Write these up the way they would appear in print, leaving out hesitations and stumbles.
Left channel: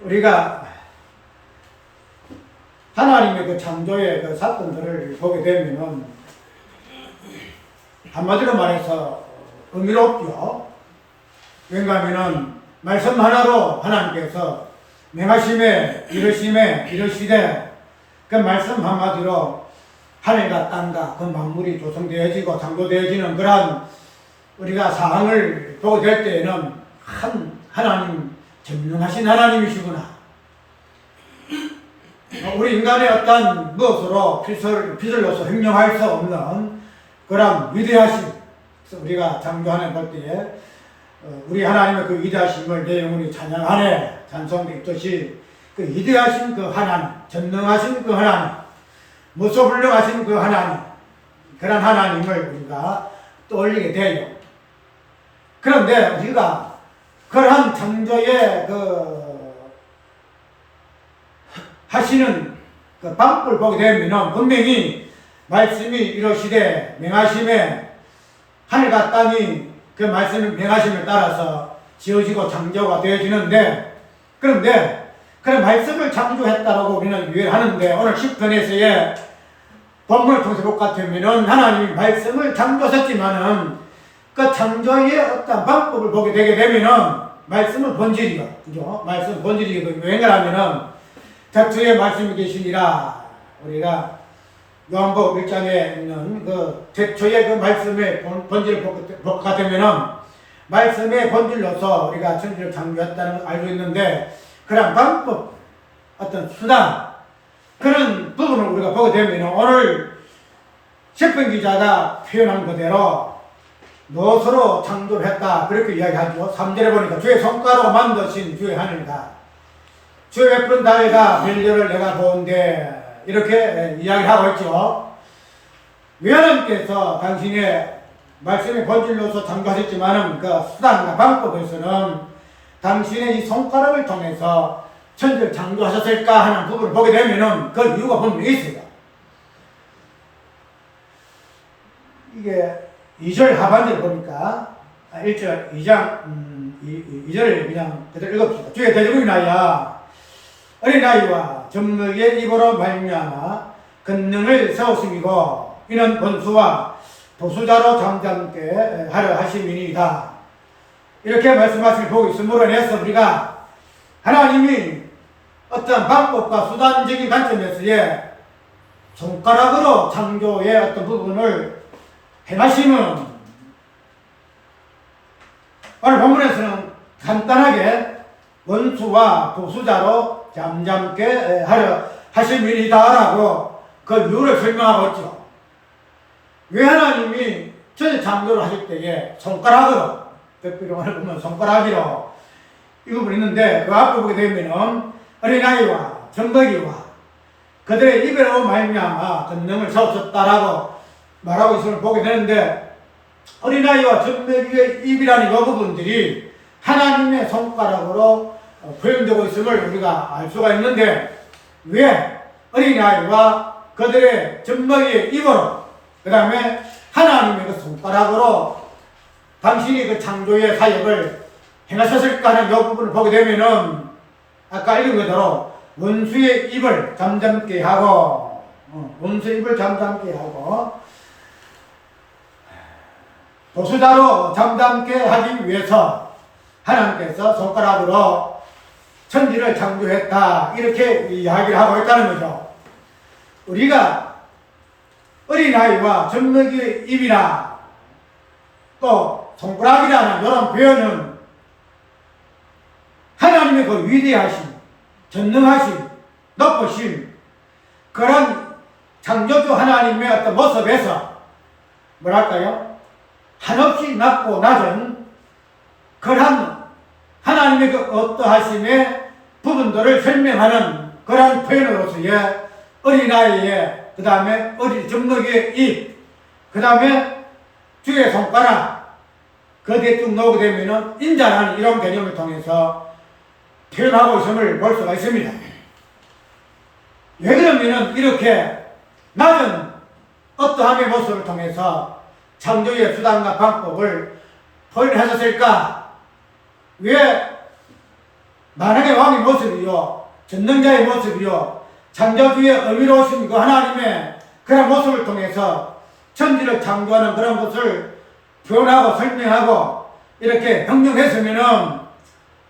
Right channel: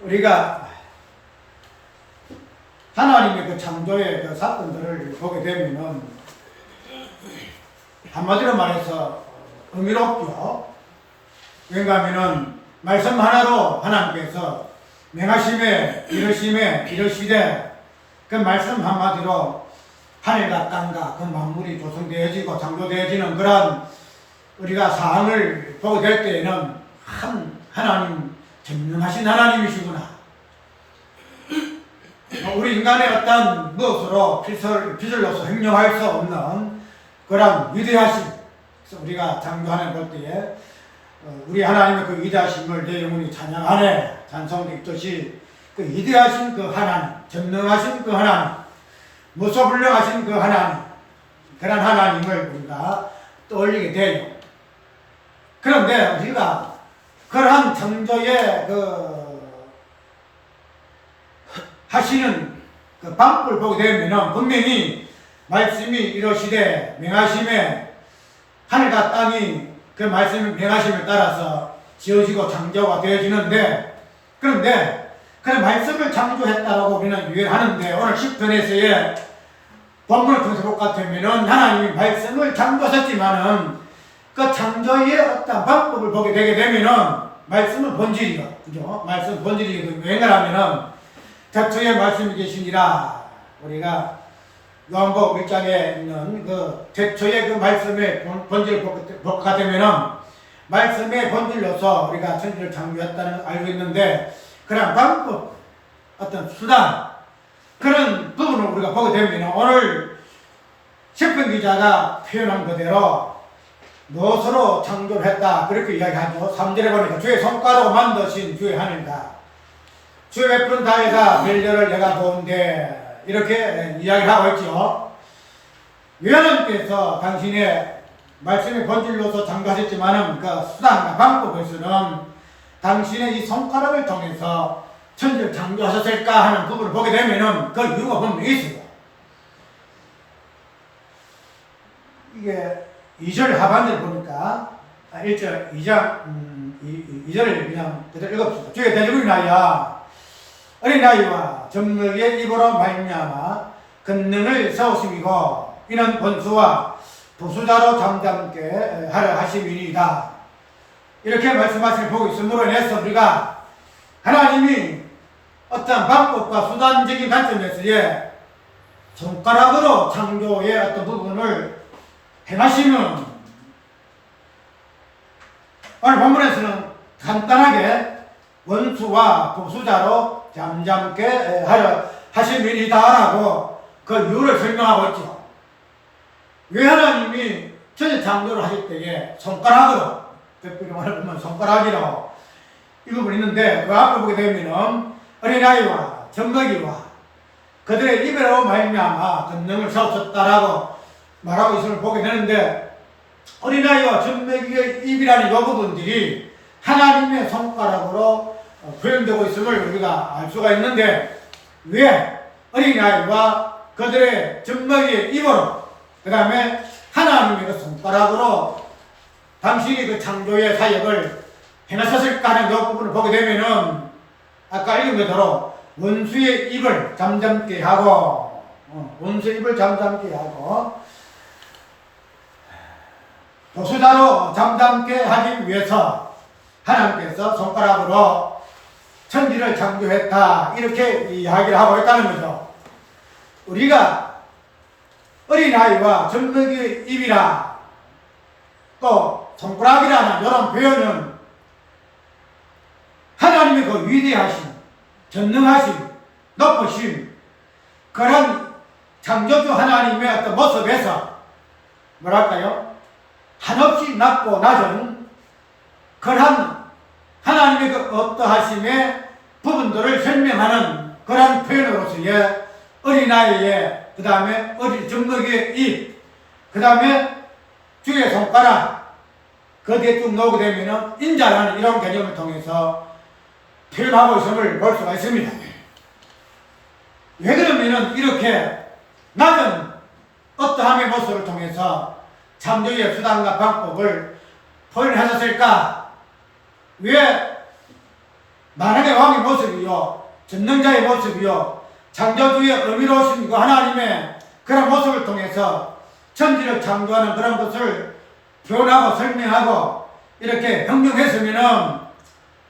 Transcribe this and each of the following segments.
우리가 하나님의 그 창조의 그 사건들을 보게 되면은 한마디로 말해서 의미롭죠. 그런가 하면은 말씀 하나로 하나님께서 명하심에 이르심에 이르시되 그 말씀 한마디로 하늘과 땅과 그 만물이 조성되어지고 창조되어지는 그런 우리가 사항을 보게 될 때에는 하나님 전능하신 하나님이시구나. 우리 인간의 어떤 무엇으로 빚을로서 행령할 수 없는 그런 위대하심. 그래서 우리가 창조하는 볼 때에 우리 하나님의 그 위대하심을 내 영혼이 찬양하네 찬송도 있듯이 그 위대하신 그 하나님, 전능하신 그 하나님, 무소불능하신 그 하나님, 그런 하나님을 우리가 떠올리게 돼요. 그런데 우리가 그러한 창조의 하시는 그 방법을 보게 되면은 분명히 말씀이 이러시되 명하심에 하늘과 땅이 그 말씀을 명하심을 따라서 지어지고 창조가 되어지는데, 그런데 그런 말씀을 창조했다라고 우리는 유언하는데, 오늘 10편에서의 본문을 통해서 볼 것 같으면은 하나님이 말씀을 창조하셨지만은 그 창조의 어떤 방법을 보게 되게 되면은 말씀은 본질이요. 그죠? 말씀 본질이거든요. 왠가하면은 태초에 말씀이 계시니라. 우리가 요한복음 1장에 있는 그 태초의 그 말씀의 본질을 볼 것 같으면은 말씀의 본질로서 우리가 천지를 창조했다는 걸 알고 있는데, 그런 방법, 어떤 수단, 그런 부분을 우리가 보게 되면은 오늘 시편 기자가 표현한 그대로 무엇으로 창조를 했다 그렇게 이야기하죠. 3절에 보니까 주의 손가락으로 만드신 주의 하늘과 주의 베푼 다리가 멸렬을 내가 보은데 이렇게 이야기를 하고 있죠. 하나님께서 당신의 말씀의 본질로서 창조하셨지만은 그 수단과 방법에서는 당신의 이 손가락을 통해서 천지를 창조하셨을까 하는 부분을 보게 되면은 그 이유가 분명히 있어요. 이게 2절 하반절 보니까 1절 2장 2절을 그냥 그대로 읽읍시다. 주의 대적을 인하여 어린아이와 젖먹이의 입으로 말미암아 권능을 세우심이고 이는 원수와 보수자로 잠잠케 하려 하심이니이다. 이렇게 말씀하시는 보고 있음으로 인해서 우리가 하나님이 어떤 방법과 수단적인 관점에서의 손가락으로 창조의 어떤 부분을 행하심은 오늘 본문에서는 간단하게 원수와 보수자로 잠잠케 하려 하심이니다라고 그 이유를 설명하고 있죠. 왜 하나님이 천지 창조를 하실 때에 손가락으로, 특별히 오늘 보면 손가락이로 이 부분이 있는데, 그 앞을 보게 되면은 어린아이와 젖먹이와 그들의 입으로 말미암아 권능을 세우셨다라고 말하고 있음을 보게 되는데, 어린아이와 젖먹이의 입이라는 이 부분들이 하나님의 손가락으로 표현되고 있음을 우리가 알 수가 있는데, 왜 어린아이와 그들의 젖먹이의 입으로, 그 다음에 하나님의 그 손가락으로 당신이 그 창조의 사역을 행하셨을까 하는 이 부분을 보게 되면은 아까 읽은 그대로 원수의 입을 잠잠케 하고, 원수의 입을 잠잠케 하고 보수자로 잠잠케 하기 위해서 하나님께서 손가락으로 천지를 창조했다, 이렇게 이야기를 하고 있다는 거죠. 우리가 어린아이와 젖먹이의 입이라 또 손가락이라는 이런 표현은 하나님의 그 위대하심, 전능하심, 높으심, 그런 창조주 하나님의 어떤 모습에서 뭐랄까요? 한없이 낮고 낮은 그런 하나님의 그 어떠하심의 부분들을 설명하는 그런 표현으로서의 어린아이의, 그 다음에 젖먹이의 입, 그 다음에 주의 손가락, 그 뒤에 쭉 나오게 되면은 인자라는 이런 개념을 통해서 표현하고 있음을 볼 수가 있습니다. 왜 그러면은 이렇게 낮은 어떠함의 모습을 통해서 창조의 수단과 방법을 표현하셨을까? 왜 만왕의 왕의 모습이요, 전능자의 모습이요, 창조주의 어미로우신 그 하나님의 그런 모습을 통해서 천지를 창조하는 그런 것을 표현하고 설명하고 이렇게 형용했으면은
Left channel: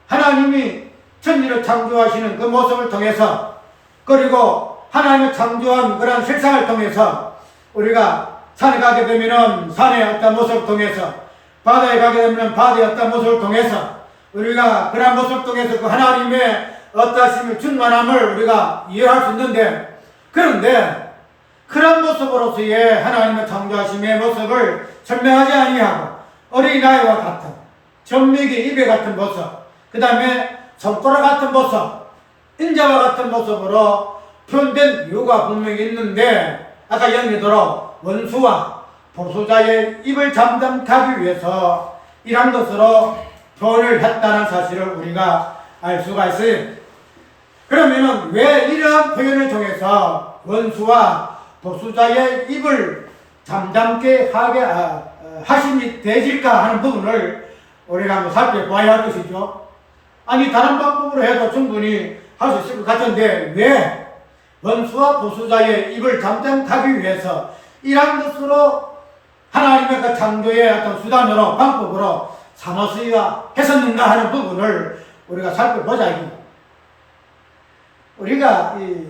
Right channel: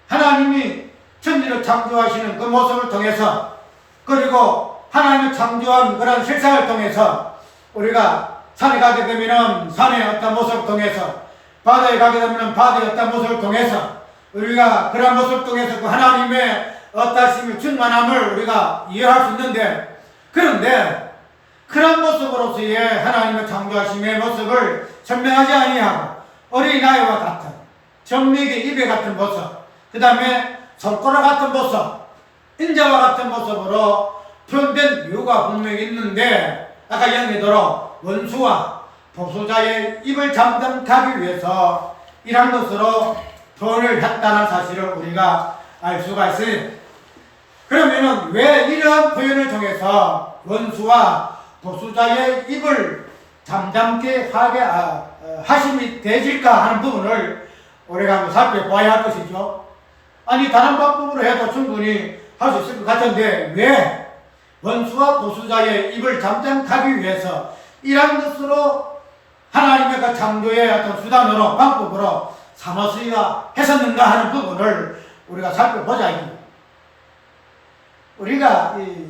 하나님이 천지를 창조하시는 그 모습을 통해서, 그리고 하나님을 창조한 그런 실상을 통해서 우리가 산에 가게 되면은 산의 어떤 모습을 통해서, 바다에 가게 되면은 바다의 어떤 모습을 통해서 우리가 그런 모습을 통해서 그 하나님의 어떠심을 충만함을 우리가 이해할 수 있는데, 그런데 그런 모습으로서의 하나님의 창조하심의 모습을 설명하지 아니하고 어린아이와 같은 전미기 입에 같은 모습, 그 다음에 손가락 같은 모습, 인자와 같은 모습으로 표현된 이유가 분명히 있는데, 아까 영리도록 원수와 보수자의 입을 잠잠하기 위해서 이런 것으로 표현을 했다는 사실을 우리가 알 수가 있어요. 그러면은 왜 이러한 표현을 통해서 원수와 보수자의 입을 잠잠게 하게 하심이 되질까 하는 부분을 우리가 한번 살펴봐야 할 것이죠. 아니, 다른 방법으로 해도 충분히 할 수 있을 것 같은데 왜 원수와 보수자의 입을 잠잠하기 위해서 이러한 것으로 하나님의 그 창조의 어떤 수단으로 방법으로 삼았어야 했었는가 하는 부분을 우리가 살펴보자. 우리가 이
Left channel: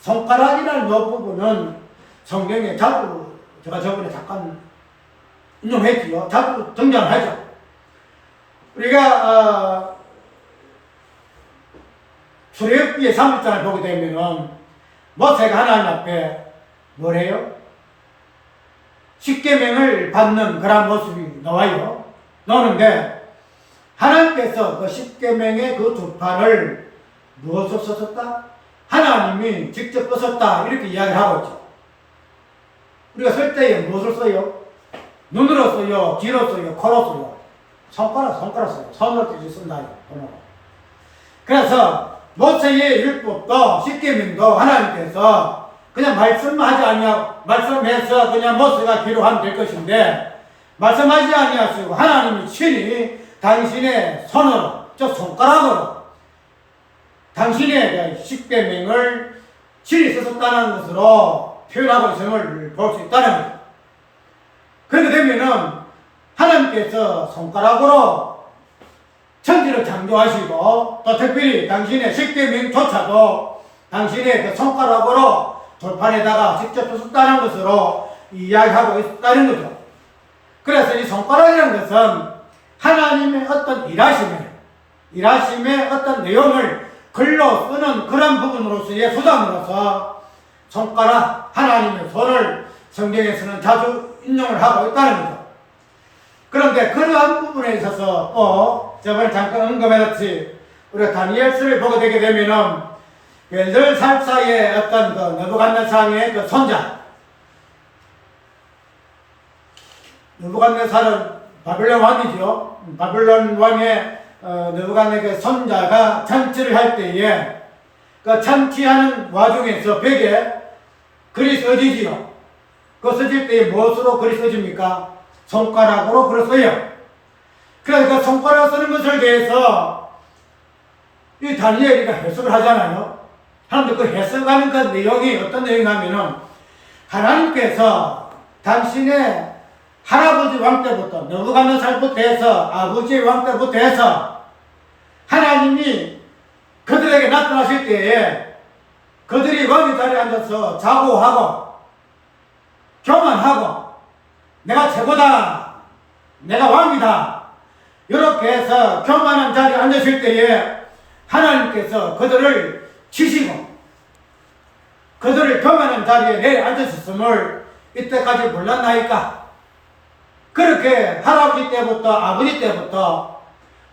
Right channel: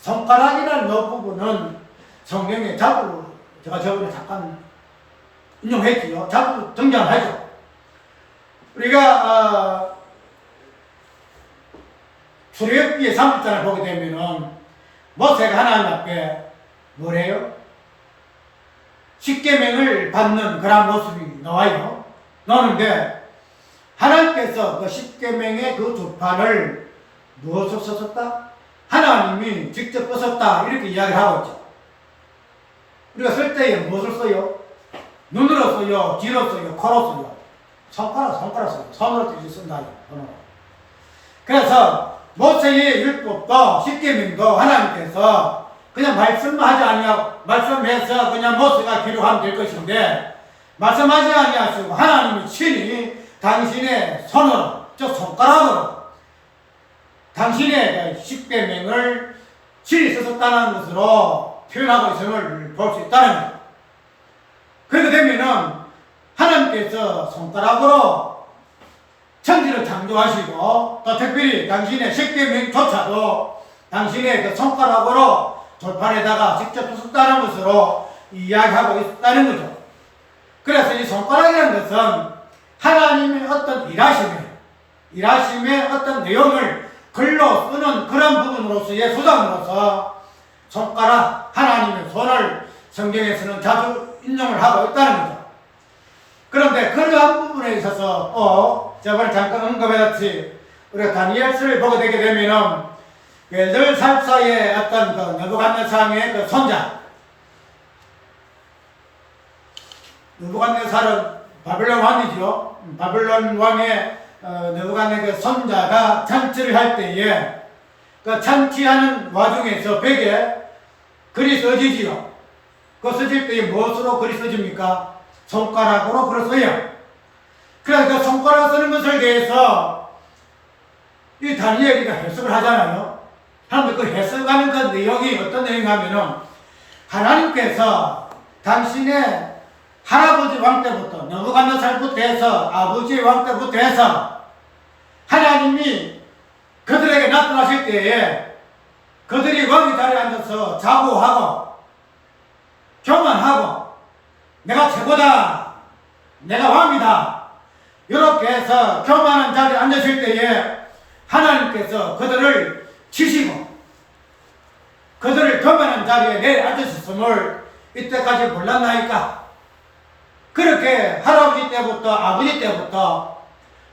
손가락이라는 이 부분은 성경에 자주, 제가 저번에 잠깐 인용했지요. 자주 등장하죠. 우리가 출애굽기의 3장을 보게 되면은 모세가 하나님 앞에 뭐래요? 십계명을 받는 그런 모습이 나와요. 나오는데 하나님께서 그 십계명의 그 주판을 무엇을 썼었다? 하나님이 직접 썼었다, 이렇게 이야기를 하고 있죠. 우리가 쓸 때에 무엇을 써요? 눈으로 써요? 귀로 써요? 코로 써요? 손가락 써요. 손으로 이제 쓴다. 그래서 모세의 율법도 십계명도 하나님께서 그냥 말씀만 하지 아니하고, 말씀해서 그냥 모세가 기록하면 될 것인데 말씀하지 아니하시고 하나님이 친히 당신의 손으로, 즉 손가락으로 당신의 십계명을 친히 썼다는 것으로 표현하고 있음을 볼 수 있다는 거죠. 그렇게 되면은 하나님께서 손가락으로 천지를 창조하시고 또 특별히 당신의 십계명조차도 당신의 그 손가락으로 돌판에다가 직접 썼다는 것으로 이야기하고 있다는 거죠. 그래서 이 손가락이라는 것은 하나님의 어떤 일하심의 어떤 내용을 글로 쓰는 그런 부분으로서의 수단으로서 손가락, 하나님의 손을 성경에서는 자주 인용을 하고 있다는 거죠. 그런데 그러한 부분에 있어서 꼭 저번에 잠깐 언급했듯이 우리가 다니엘서를 보게 되게 되면은 벨들살사의 어떤 그 느부갓네살의 그 손자, 느부갓네살은 바빌론 왕이죠. 바빌론 왕의 느부갓네 그 손자가 잔치를 할 때에 그 잔치하는 와중에서 벽에 글이 써지지요. 그 써질 때에 무엇으로 글이 써집니까? 손가락으로 글을 써요. 그래서 그 손가락 쓰는 것을 대해서 이 다니엘이가 해석을 하잖아요. 하는데 그 해석하는 그 내용이 어떤 내용이냐면은 하나님께서 당신의 할아버지 왕 때부터 느부갓네살부터 해서 아버지의 왕 때부터 해서 하나님이 그들에게 나타나실 때에 그들이 왕의 자리에 앉아서 자고하고 교만하고 내가 최고다, 내가 왕이다, 이렇게 해서 교만한 자리에 앉으실 때에 하나님께서 그들을 치시고 그들을 교만한 자리에 내앉으셨음을 이때까지 몰랐나이까? 그렇게 할아버지 때부터 아버지 때부터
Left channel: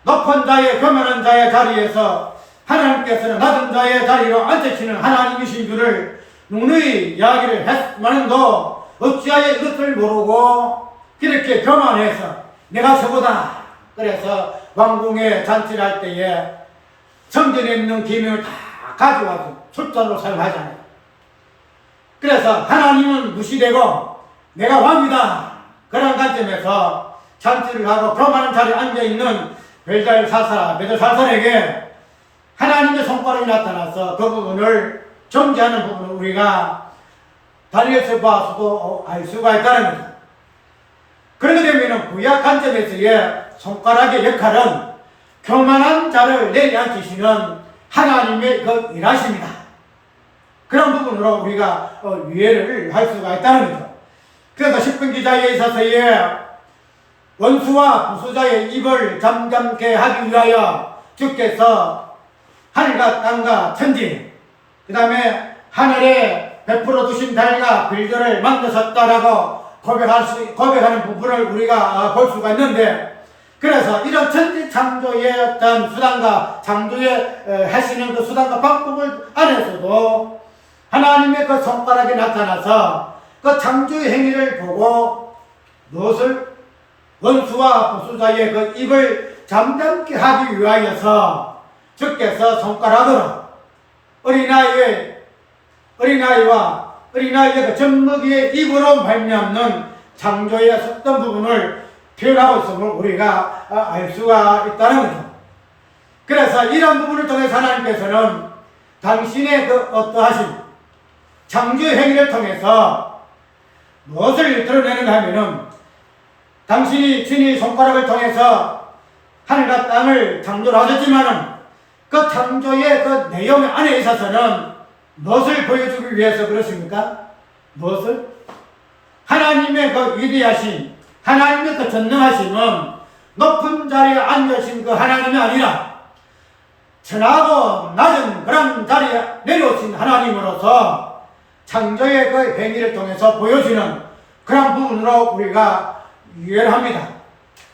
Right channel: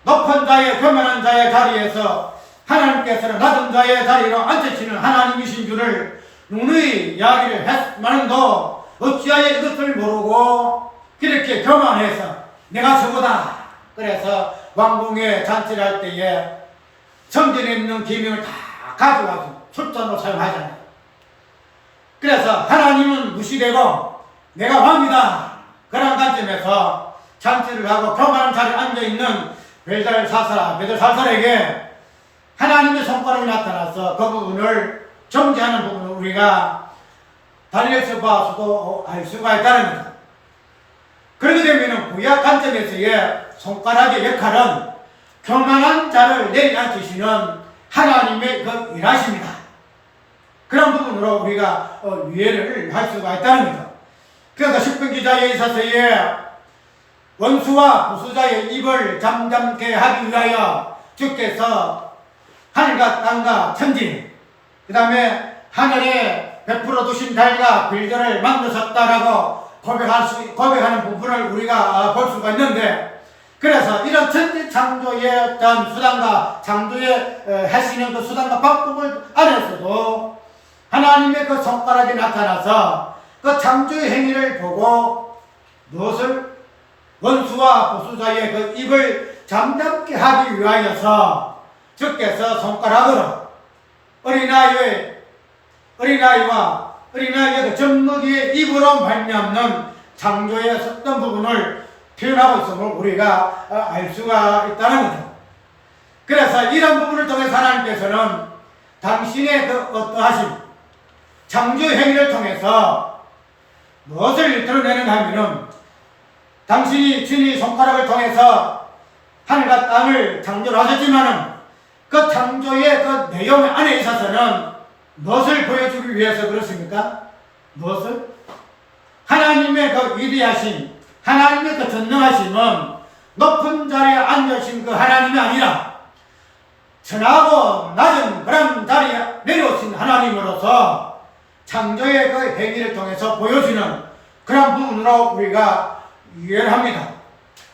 높은 자의 교만한 자의 자리에서 하나님께서는 낮은 자의 자리로 앉으시는 하나님이신 줄을 누누이 이야기를 했지만도 어찌하여 이것을 모르고 그렇게 교만해서 내가 최고다, 그래서 왕궁에 잔치를 할 때에 성전에 있는 기명을 다 가져와서 술잔으로 사용하잖아요. 그래서 하나님은 무시되고 내가 왕이다, 그런 관점에서 잔치를 하고 교만한 자리에 앉아있는 벨살살에게 하나님의 손가락이 나타나서 그 부분을 정지하는 부분을 우리가 달려서 봐서도 알 수가 있다는 거죠. 그렇게 되면 구약 관점에서의 손가락의 역할은 교만한 자를 내려앉히시는 하나님의 그 일하십니다. 그런 부분으로 우리가 이해를 할 수가 있다는 거죠. 그래서 십분 기자에 있어서의 원수와 부수자의 입을 잠잠케 하기 위하여 주께서 하늘과 땅과 천지, 그 다음에 하늘에 베풀어 두신 달과 별들을 만드셨다라고 고백하는 부분을 우리가 볼 수가 있는데, 그래서 이런 천지 창조의 어떤 수단과 창조에 하시는 그 수단과 방법을 안에서도 하나님의 그 손가락이 나타나서 그 창조의 행위를 보고 무엇을 원수와 보수자의 그 입을 잠잠케 하기 위하여서 주께서 손가락으로 어린아이의 그 젖먹이의 입으로 말미암는 창조의 어떤 부분을 표현하고 있음을 우리가 알 수가 있다는 거죠. 그래서 이런 부분을 통해서 하나님께서는 당신의 그 어떠하신 창조의 행위를 통해서 무엇을 드러내는가 하면은 당신이 친히 손가락을 통해서 하늘과 땅을 창조하셨지만은 그 창조의 그 내용 안에 있어서는 무엇을 보여주기 위해서 그렇습니까? 무엇을? 하나님의 그 위대하신, 하나님의 그 전능하심은 높은 자리에 앉으신 그 하나님이 아니라 천하고 낮은 그런 자리에 내려오신 하나님으로서 창조의 그 행위를 통해서 보여주는 그런 부분으로 우리가 이해를 합니다.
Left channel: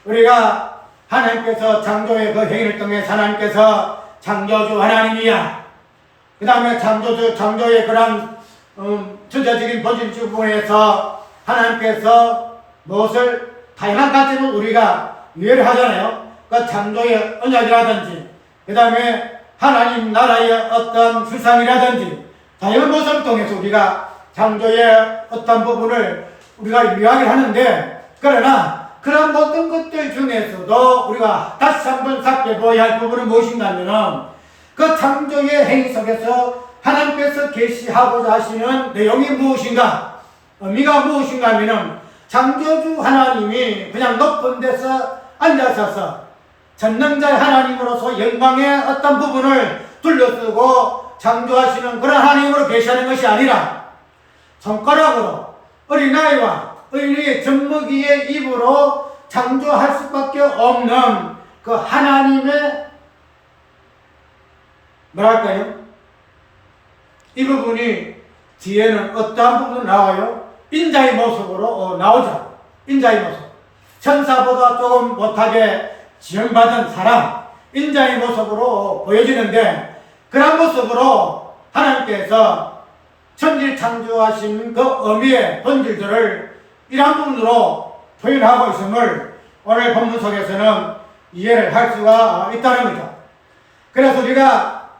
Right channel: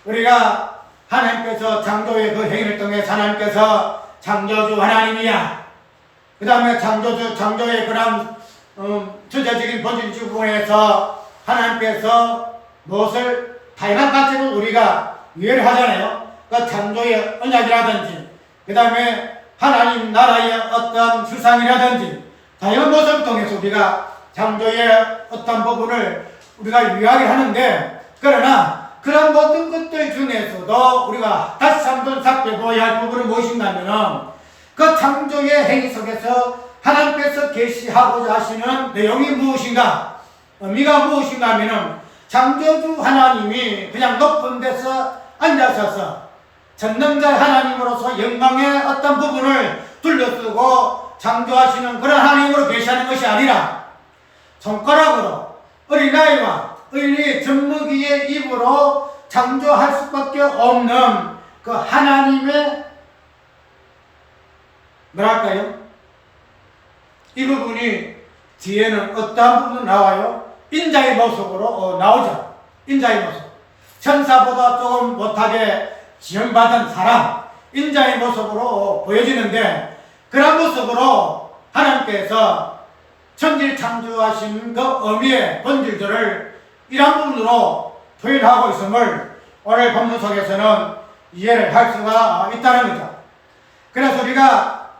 우리가 하나님께서 창조의 그 행위를 통해 하나님께서 창조주 하나님이야. 그 다음에 창조의 그런 주제적인 본질적 부분에서 하나님께서 무엇을 다양한 가치를 우리가 이해를 하잖아요. 그 창조의 언약이라든지, 그 다음에 하나님 나라의 어떤 실상이라든지 다양한 모습을 통해서 우리가 창조의 어떤 부분을 우리가 이야기를 하는데, 그러나 그런 모든 것들 중에서도 우리가 다시 한번 살펴봐야 할 부분은 무엇인가면은 그 창조의 행위 속에서 하나님께서 계시하고자 하시는 내용이 무엇인가, 의미가 무엇인가 하면은 창조주 하나님이 그냥 높은 데서 앉으셔서 전능자 하나님으로서 영광의 어떤 부분을 둘러쓰고 창조하시는 그런 하나님으로 계시하는 것이 아니라 손가락으로 어린아이와 어린이의 젖먹이의 입으로 창조할 수밖에 없는 그 하나님의 뭐랄까요? 이 부분이 뒤에는 어떠한 부분으로 나와요? 인자의 모습으로 나오죠. 인자의 모습. 천사보다 조금 못하게 지형받은 사람, 인자의 모습으로 보여지는데, 그런 모습으로 하나님께서 천지를 창조하신 그 의미의 본질들을 이러한 부분으로 표현하고 있음을 오늘 본문 속에서는 이해를 할 수가 있다는 거죠. 그래서 우리가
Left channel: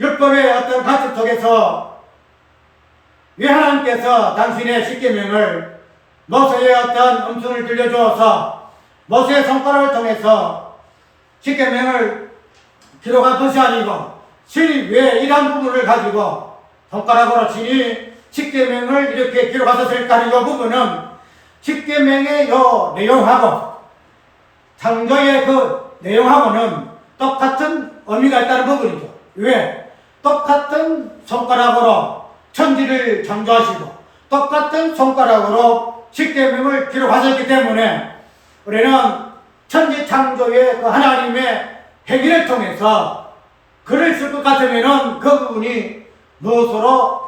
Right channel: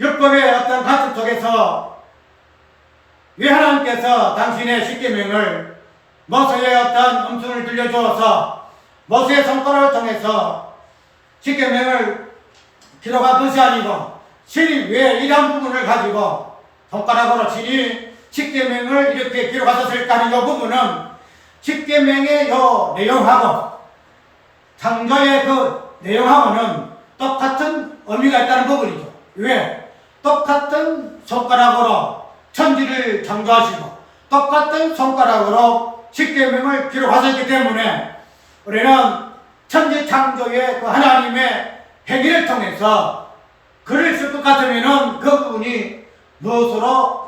율법의 어떤 관습 속에서 왜 하나님께서 당신의 십계명을 모세의 어떤 음성을 들려주어서 모세의 손가락을 통해서 십계명을 기록한 것이 아니고 신이 왜 이러한 부분을 가지고 손가락으로 신이 십계명을 이렇게 기록하셨을까 하는 이 부분은 십계명의 요 내용하고 창조의 그 내용하고는 똑같은 의미가 있다는 부분이죠. 왜? 똑같은 손가락으로 천지를 창조하시고 똑같은 손가락으로 십계명을 기록하셨기 때문에 우리는 천지 창조의 그 하나님의 행위를 통해서 글을 쓸 것 같으면은 그 부분이 무엇으로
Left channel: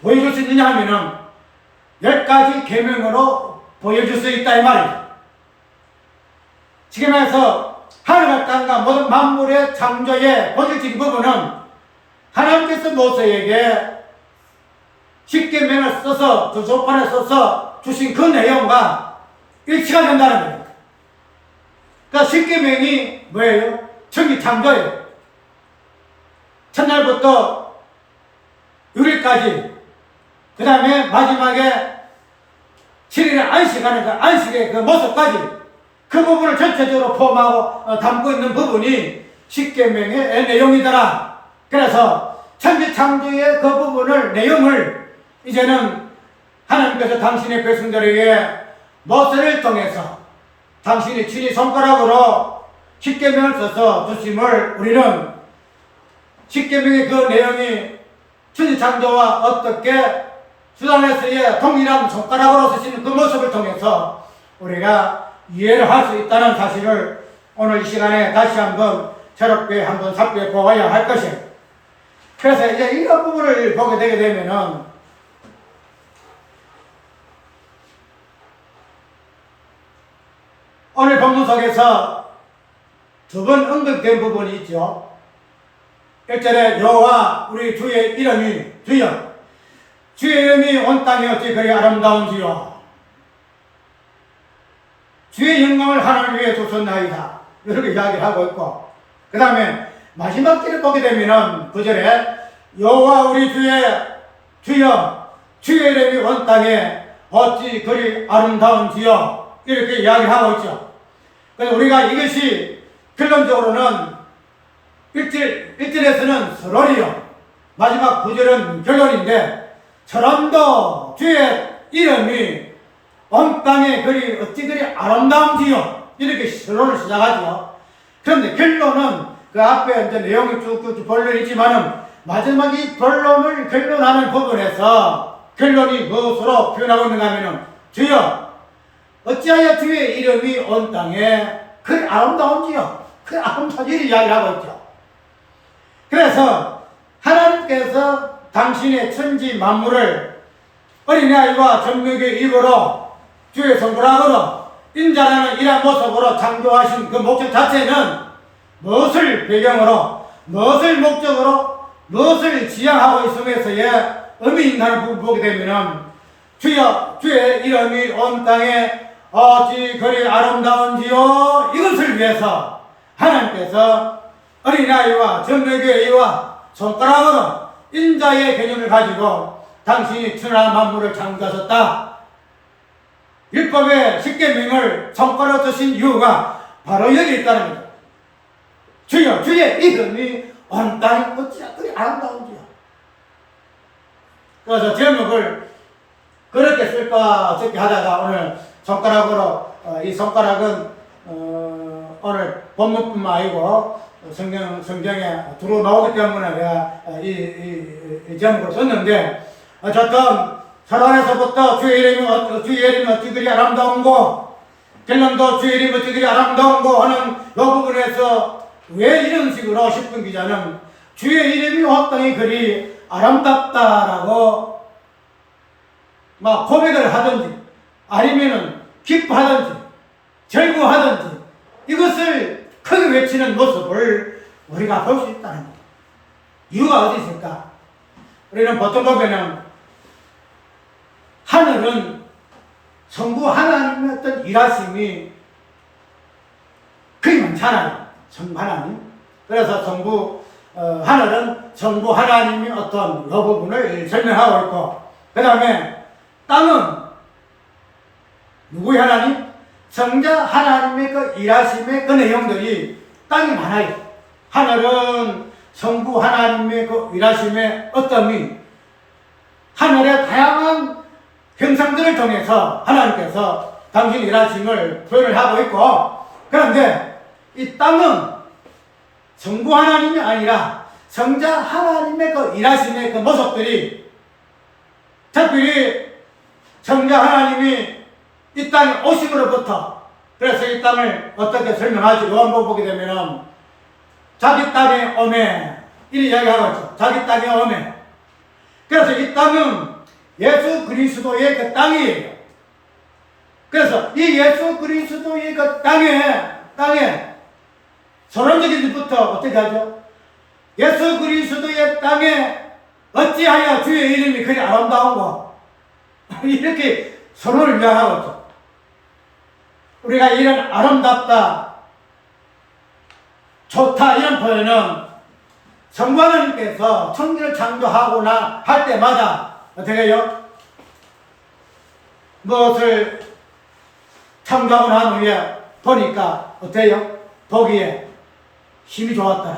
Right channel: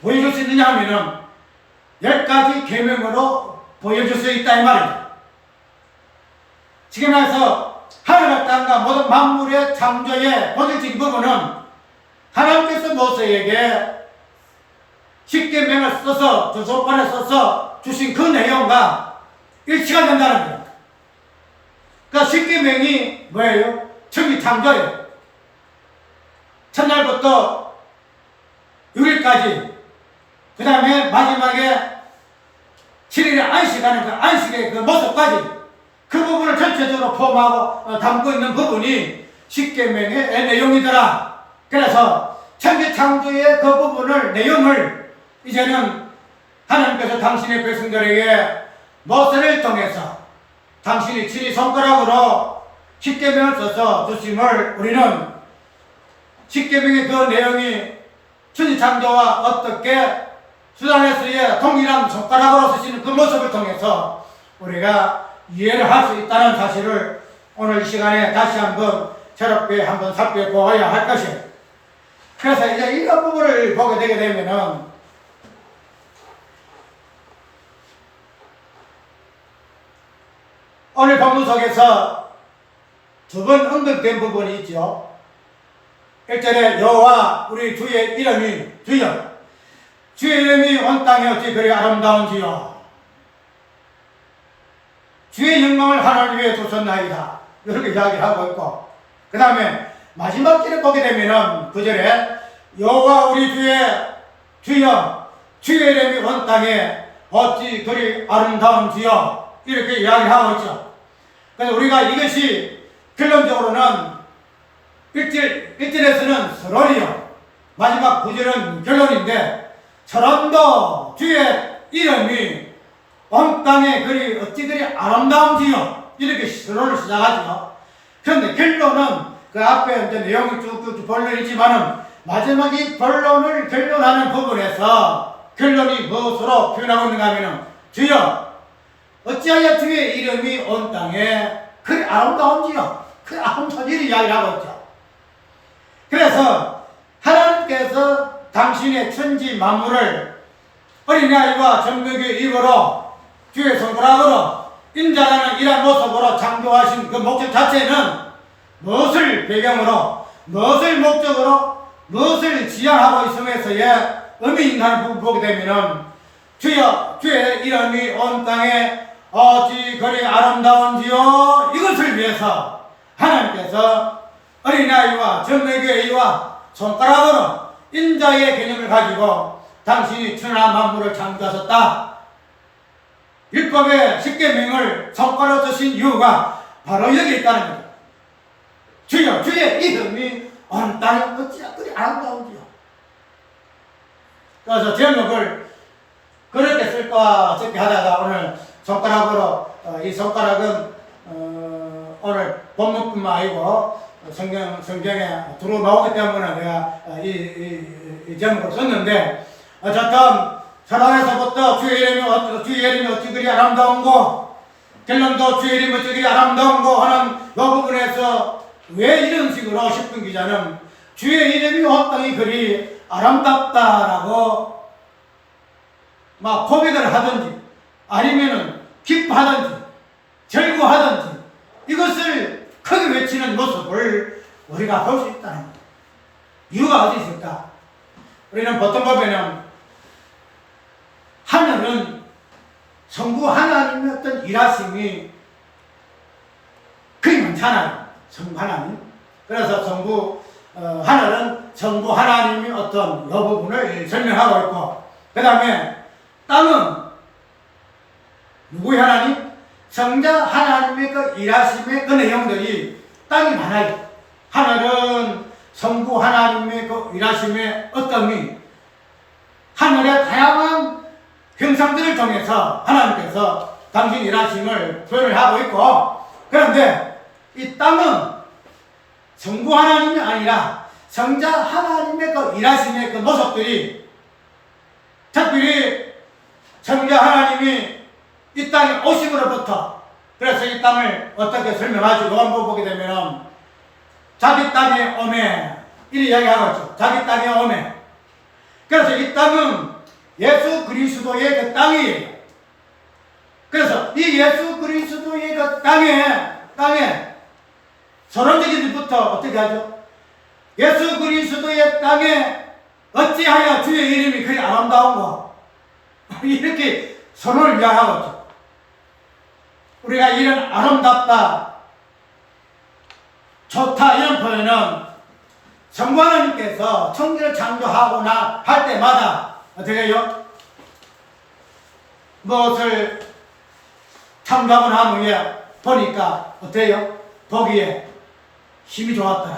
보여줄 수 있느냐 하면은 10가지 계명으로 보여줄 수 있다 이 말이죠. 지금 해서 하늘과 땅과 모든 만물의 창조의 본질적인 부분은 하나님께서 모세에게 십계명을 써서 그 조건에 써서 주신 그 내용과 일치가 된다는 거예요. 그러니까 십계명이 뭐예요? 천지 창조예요. 첫날부터 6일까지, 그 다음에 마지막에 7일에 안식하는 그 안식의 그 모습까지, 그 부분을 전체적으로 포함하고 담고 있는 부분이 십계명의 내용이더라. 그래서 천지창조의 그 부분을 내용을 이제는 하나님께서 당신의 백성들에게 모세를 통해서 당신이 친히 손가락으로 십계명을 써서 주심을 우리는 십계명의 그 내용이 천지창조와 어떻게 수단에서의 동일한 손가락으로 쓰시는 그 모습을 통해서 우리가 이해를 할 수 있다는 사실을 오늘 이 시간에 다시 한번 새롭게 한번 살펴보아야 할 것이에요. 그래서 이제 이런 부분을 보게 되게 되면은 오늘 본문 속에서 두 번 언급된 부분이 있죠. 1절에 여호와 우리 주의 이름이 주여, 주의 이름이 온 땅에 어찌 그리 아름다운지요, 주의 영광을 하나님 위에 두셨나이다. 이렇게 이야기를 하고 있고, 그 다음에 마지막 길을 보게 되면은 9절에 여호와 우리 주여, 주의 이름이 온 땅에 어찌 그리 아름다운지요, 이렇게 이야기를 하고 있죠. 그래서 우리가 이것이 결론적으로는 1절에서는 서론이요, 마지막 9절은 결론인데, 서론도 주의 이름이 온 땅에 그리 어찌 그리 아름다운지요, 이렇게 서론을 시작하죠. 그런데 결론은 그 앞에 이제 내용이 쭉쭉 본론이 있지만은 마지막 이 본론을 결론하는 부분에서 결론이 무엇으로 표현하고 있는가 하면은 주여, 어찌하여 주의 이름이 온 땅에 그리 아름다운지요, 그 아름다운 일을 이야기하고 있죠. 그래서 하나님께서 당신의 천지 만물을 어린아이와 젖먹이의 입으로 주의 손가락으로 인자라는 이러한 모습으로 창조하신 그 목적 자체는 무엇을 배경으로, 무엇을 목적으로, 무엇을 지향하고 있음에서의 의미인가를 보게 되면은 주여, 주의 이름이 온 땅에 어찌 그리 아름다운지요, 이것을 위해서 하나님께서 어린아이와 젖먹이의 이와 손가락으로 인자의 개념을 가지고 당신이 천하 만물을 창조하셨다. 율법의 십계명을 손가락으로 쓰신 이유가 바로 여기 있다는 거죠. 주여, 주의 이름이 온 땅에 어찌 그리 아름다운지요. 그래서 제목을 그렇게 쓸까 적게 하다가 오늘 손가락으로, 이 손가락은 오늘 본문뿐만 아니고 성경에 들어 나오기 때문에 내가 이 제목을 썼는데, 어쨌든 서론에서부터 주의 이름이 어찌 그리 아름다운고, 결론도 주의 이름이 어찌 그리 아름다운고 하는 이 부분에서 왜 이런 식으로 십분 기자는 주의 이름이 온 땅에 그리 아름답다라고 막 고백을 하든지 아니면은 기뻐하든지 절구하든지 이것을 크게 외치는 모습을 우리가 볼 수 있다는 거예요. 이유가 어디 있을까? 우리는 보통 보면은 하늘은 성부 하나님의 어떤 일하심이 거의 많잖아요. 성부 하나님. 그래서 하늘은 성부 하나님이 어떤 이 부분을 설명하고 있고, 그 다음에 땅은 누구의 하나님? 성자 하나님의 그 일하심의 그 내용들이 땅이 많아요. 하늘은 성부 하나님의 그 일하심의 어떠함이 하늘의 다양한 형상들을 통해서 하나님께서 당신 일하심을 표현을 하고 있고, 그런데 이 땅은 성부 하나님이 아니라 성자 하나님의 그 일하심의 그 모습들이, 특별히 성자 하나님이 이 땅에 오심으로부터, 그래서 이 땅을 어떻게 설명하지? 요한복음 보게 되면은 자기 땅에 오매, 이리 이야기하고 있죠. 자기 땅에 오매. 그래서 이 땅은 예수 그리스도의 그 땅이에요. 그래서 이 예수 그리스도의 그 땅에 서론적인 일부터 어떻게 하죠? 예수 그리스도의 땅에 어찌하여 주의 이름이 그리 아름다운가? 이렇게 서론을 이야기하고 있죠. 우리가 이런 아름답다, 좋다 이런 표현은 성부 하나님께서 천지를 창조하거나 할 때마다 어떻게 해요? 무엇을 창조하거나 한 후에 보니까 어때요? 보기에 힘이 좋았더라.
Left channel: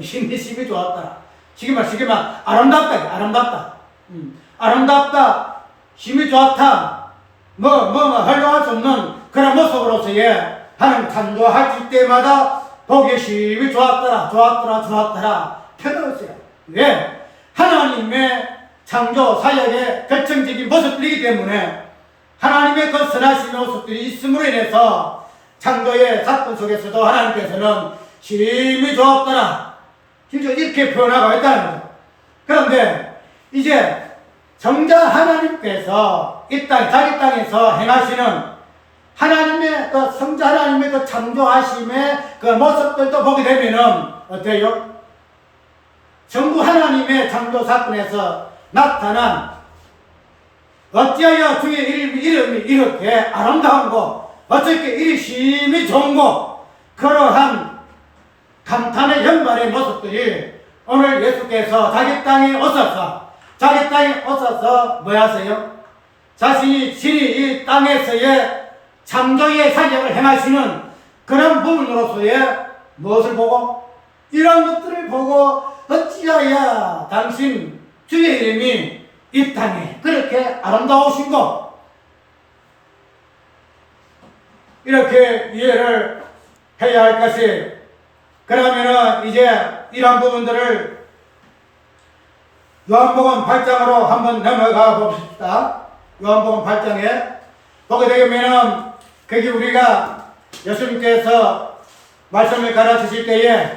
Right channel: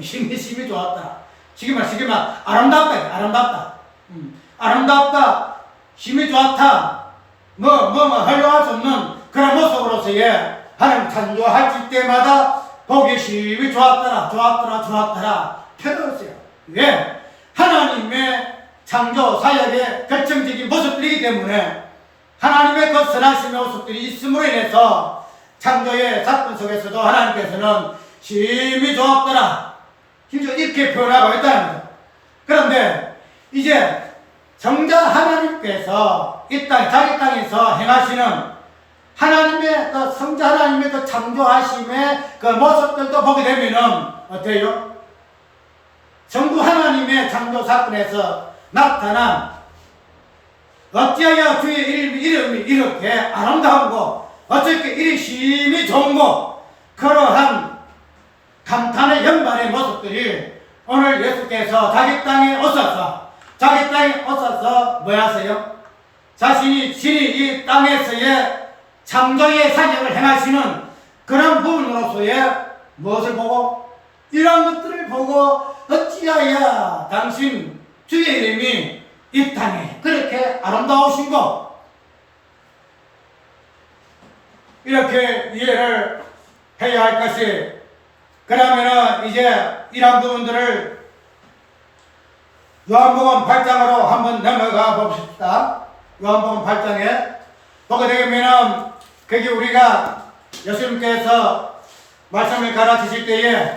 힘이 좋았더라. 쉽게 말 아름답다. 아름답다. 아름답다. 힘이 좋다. 활용할 수 없는 그런 모습으로서의 하나님 창조하실 때마다 보기에 힘이 좋았더라. 표현했어요. 왜? 하나님의 창조 사역의 결정적인 모습들이기 때문에 하나님의 그 선하신 모습들이 있음으로 인해서 창조의 사건 속에서도 하나님께서는 힘이 좋았더라. 이렇게 표현하고 있다는 거죠. 그런데 이제 정작 하나님께서 이 땅, 자기 땅에서 행하시는 하나님의 그 성자 하나님의 그 창조하심의 그 모습들도 보게 되면은 어때요? 전부 하나님의 창조 사건에서 나타난 어찌하여 주의 이름이 이렇게 아름다운고 어떻게 이리 힘이 좋은고 그러한 감탄의 연발의 모습들이 오늘 예수께서 자기 땅에 오셔서 뭐 하세요? 자신이 이 땅에서의 창조의 사역을 행하시는 그런 부분으로서의 무엇을 보고? 이런 것들을 보고 어찌하여 당신 주의 이름이 이 땅에 그렇게 아름다우신 것 이렇게 이해를 해야 할 것이 그러면은 이제 이런 부분들을 요한복음 8장으로 한번 넘어가 봅시다. 요한복음 8장에 보게 되면은 거기 우리가 예수님께서 말씀을 가르치실 때에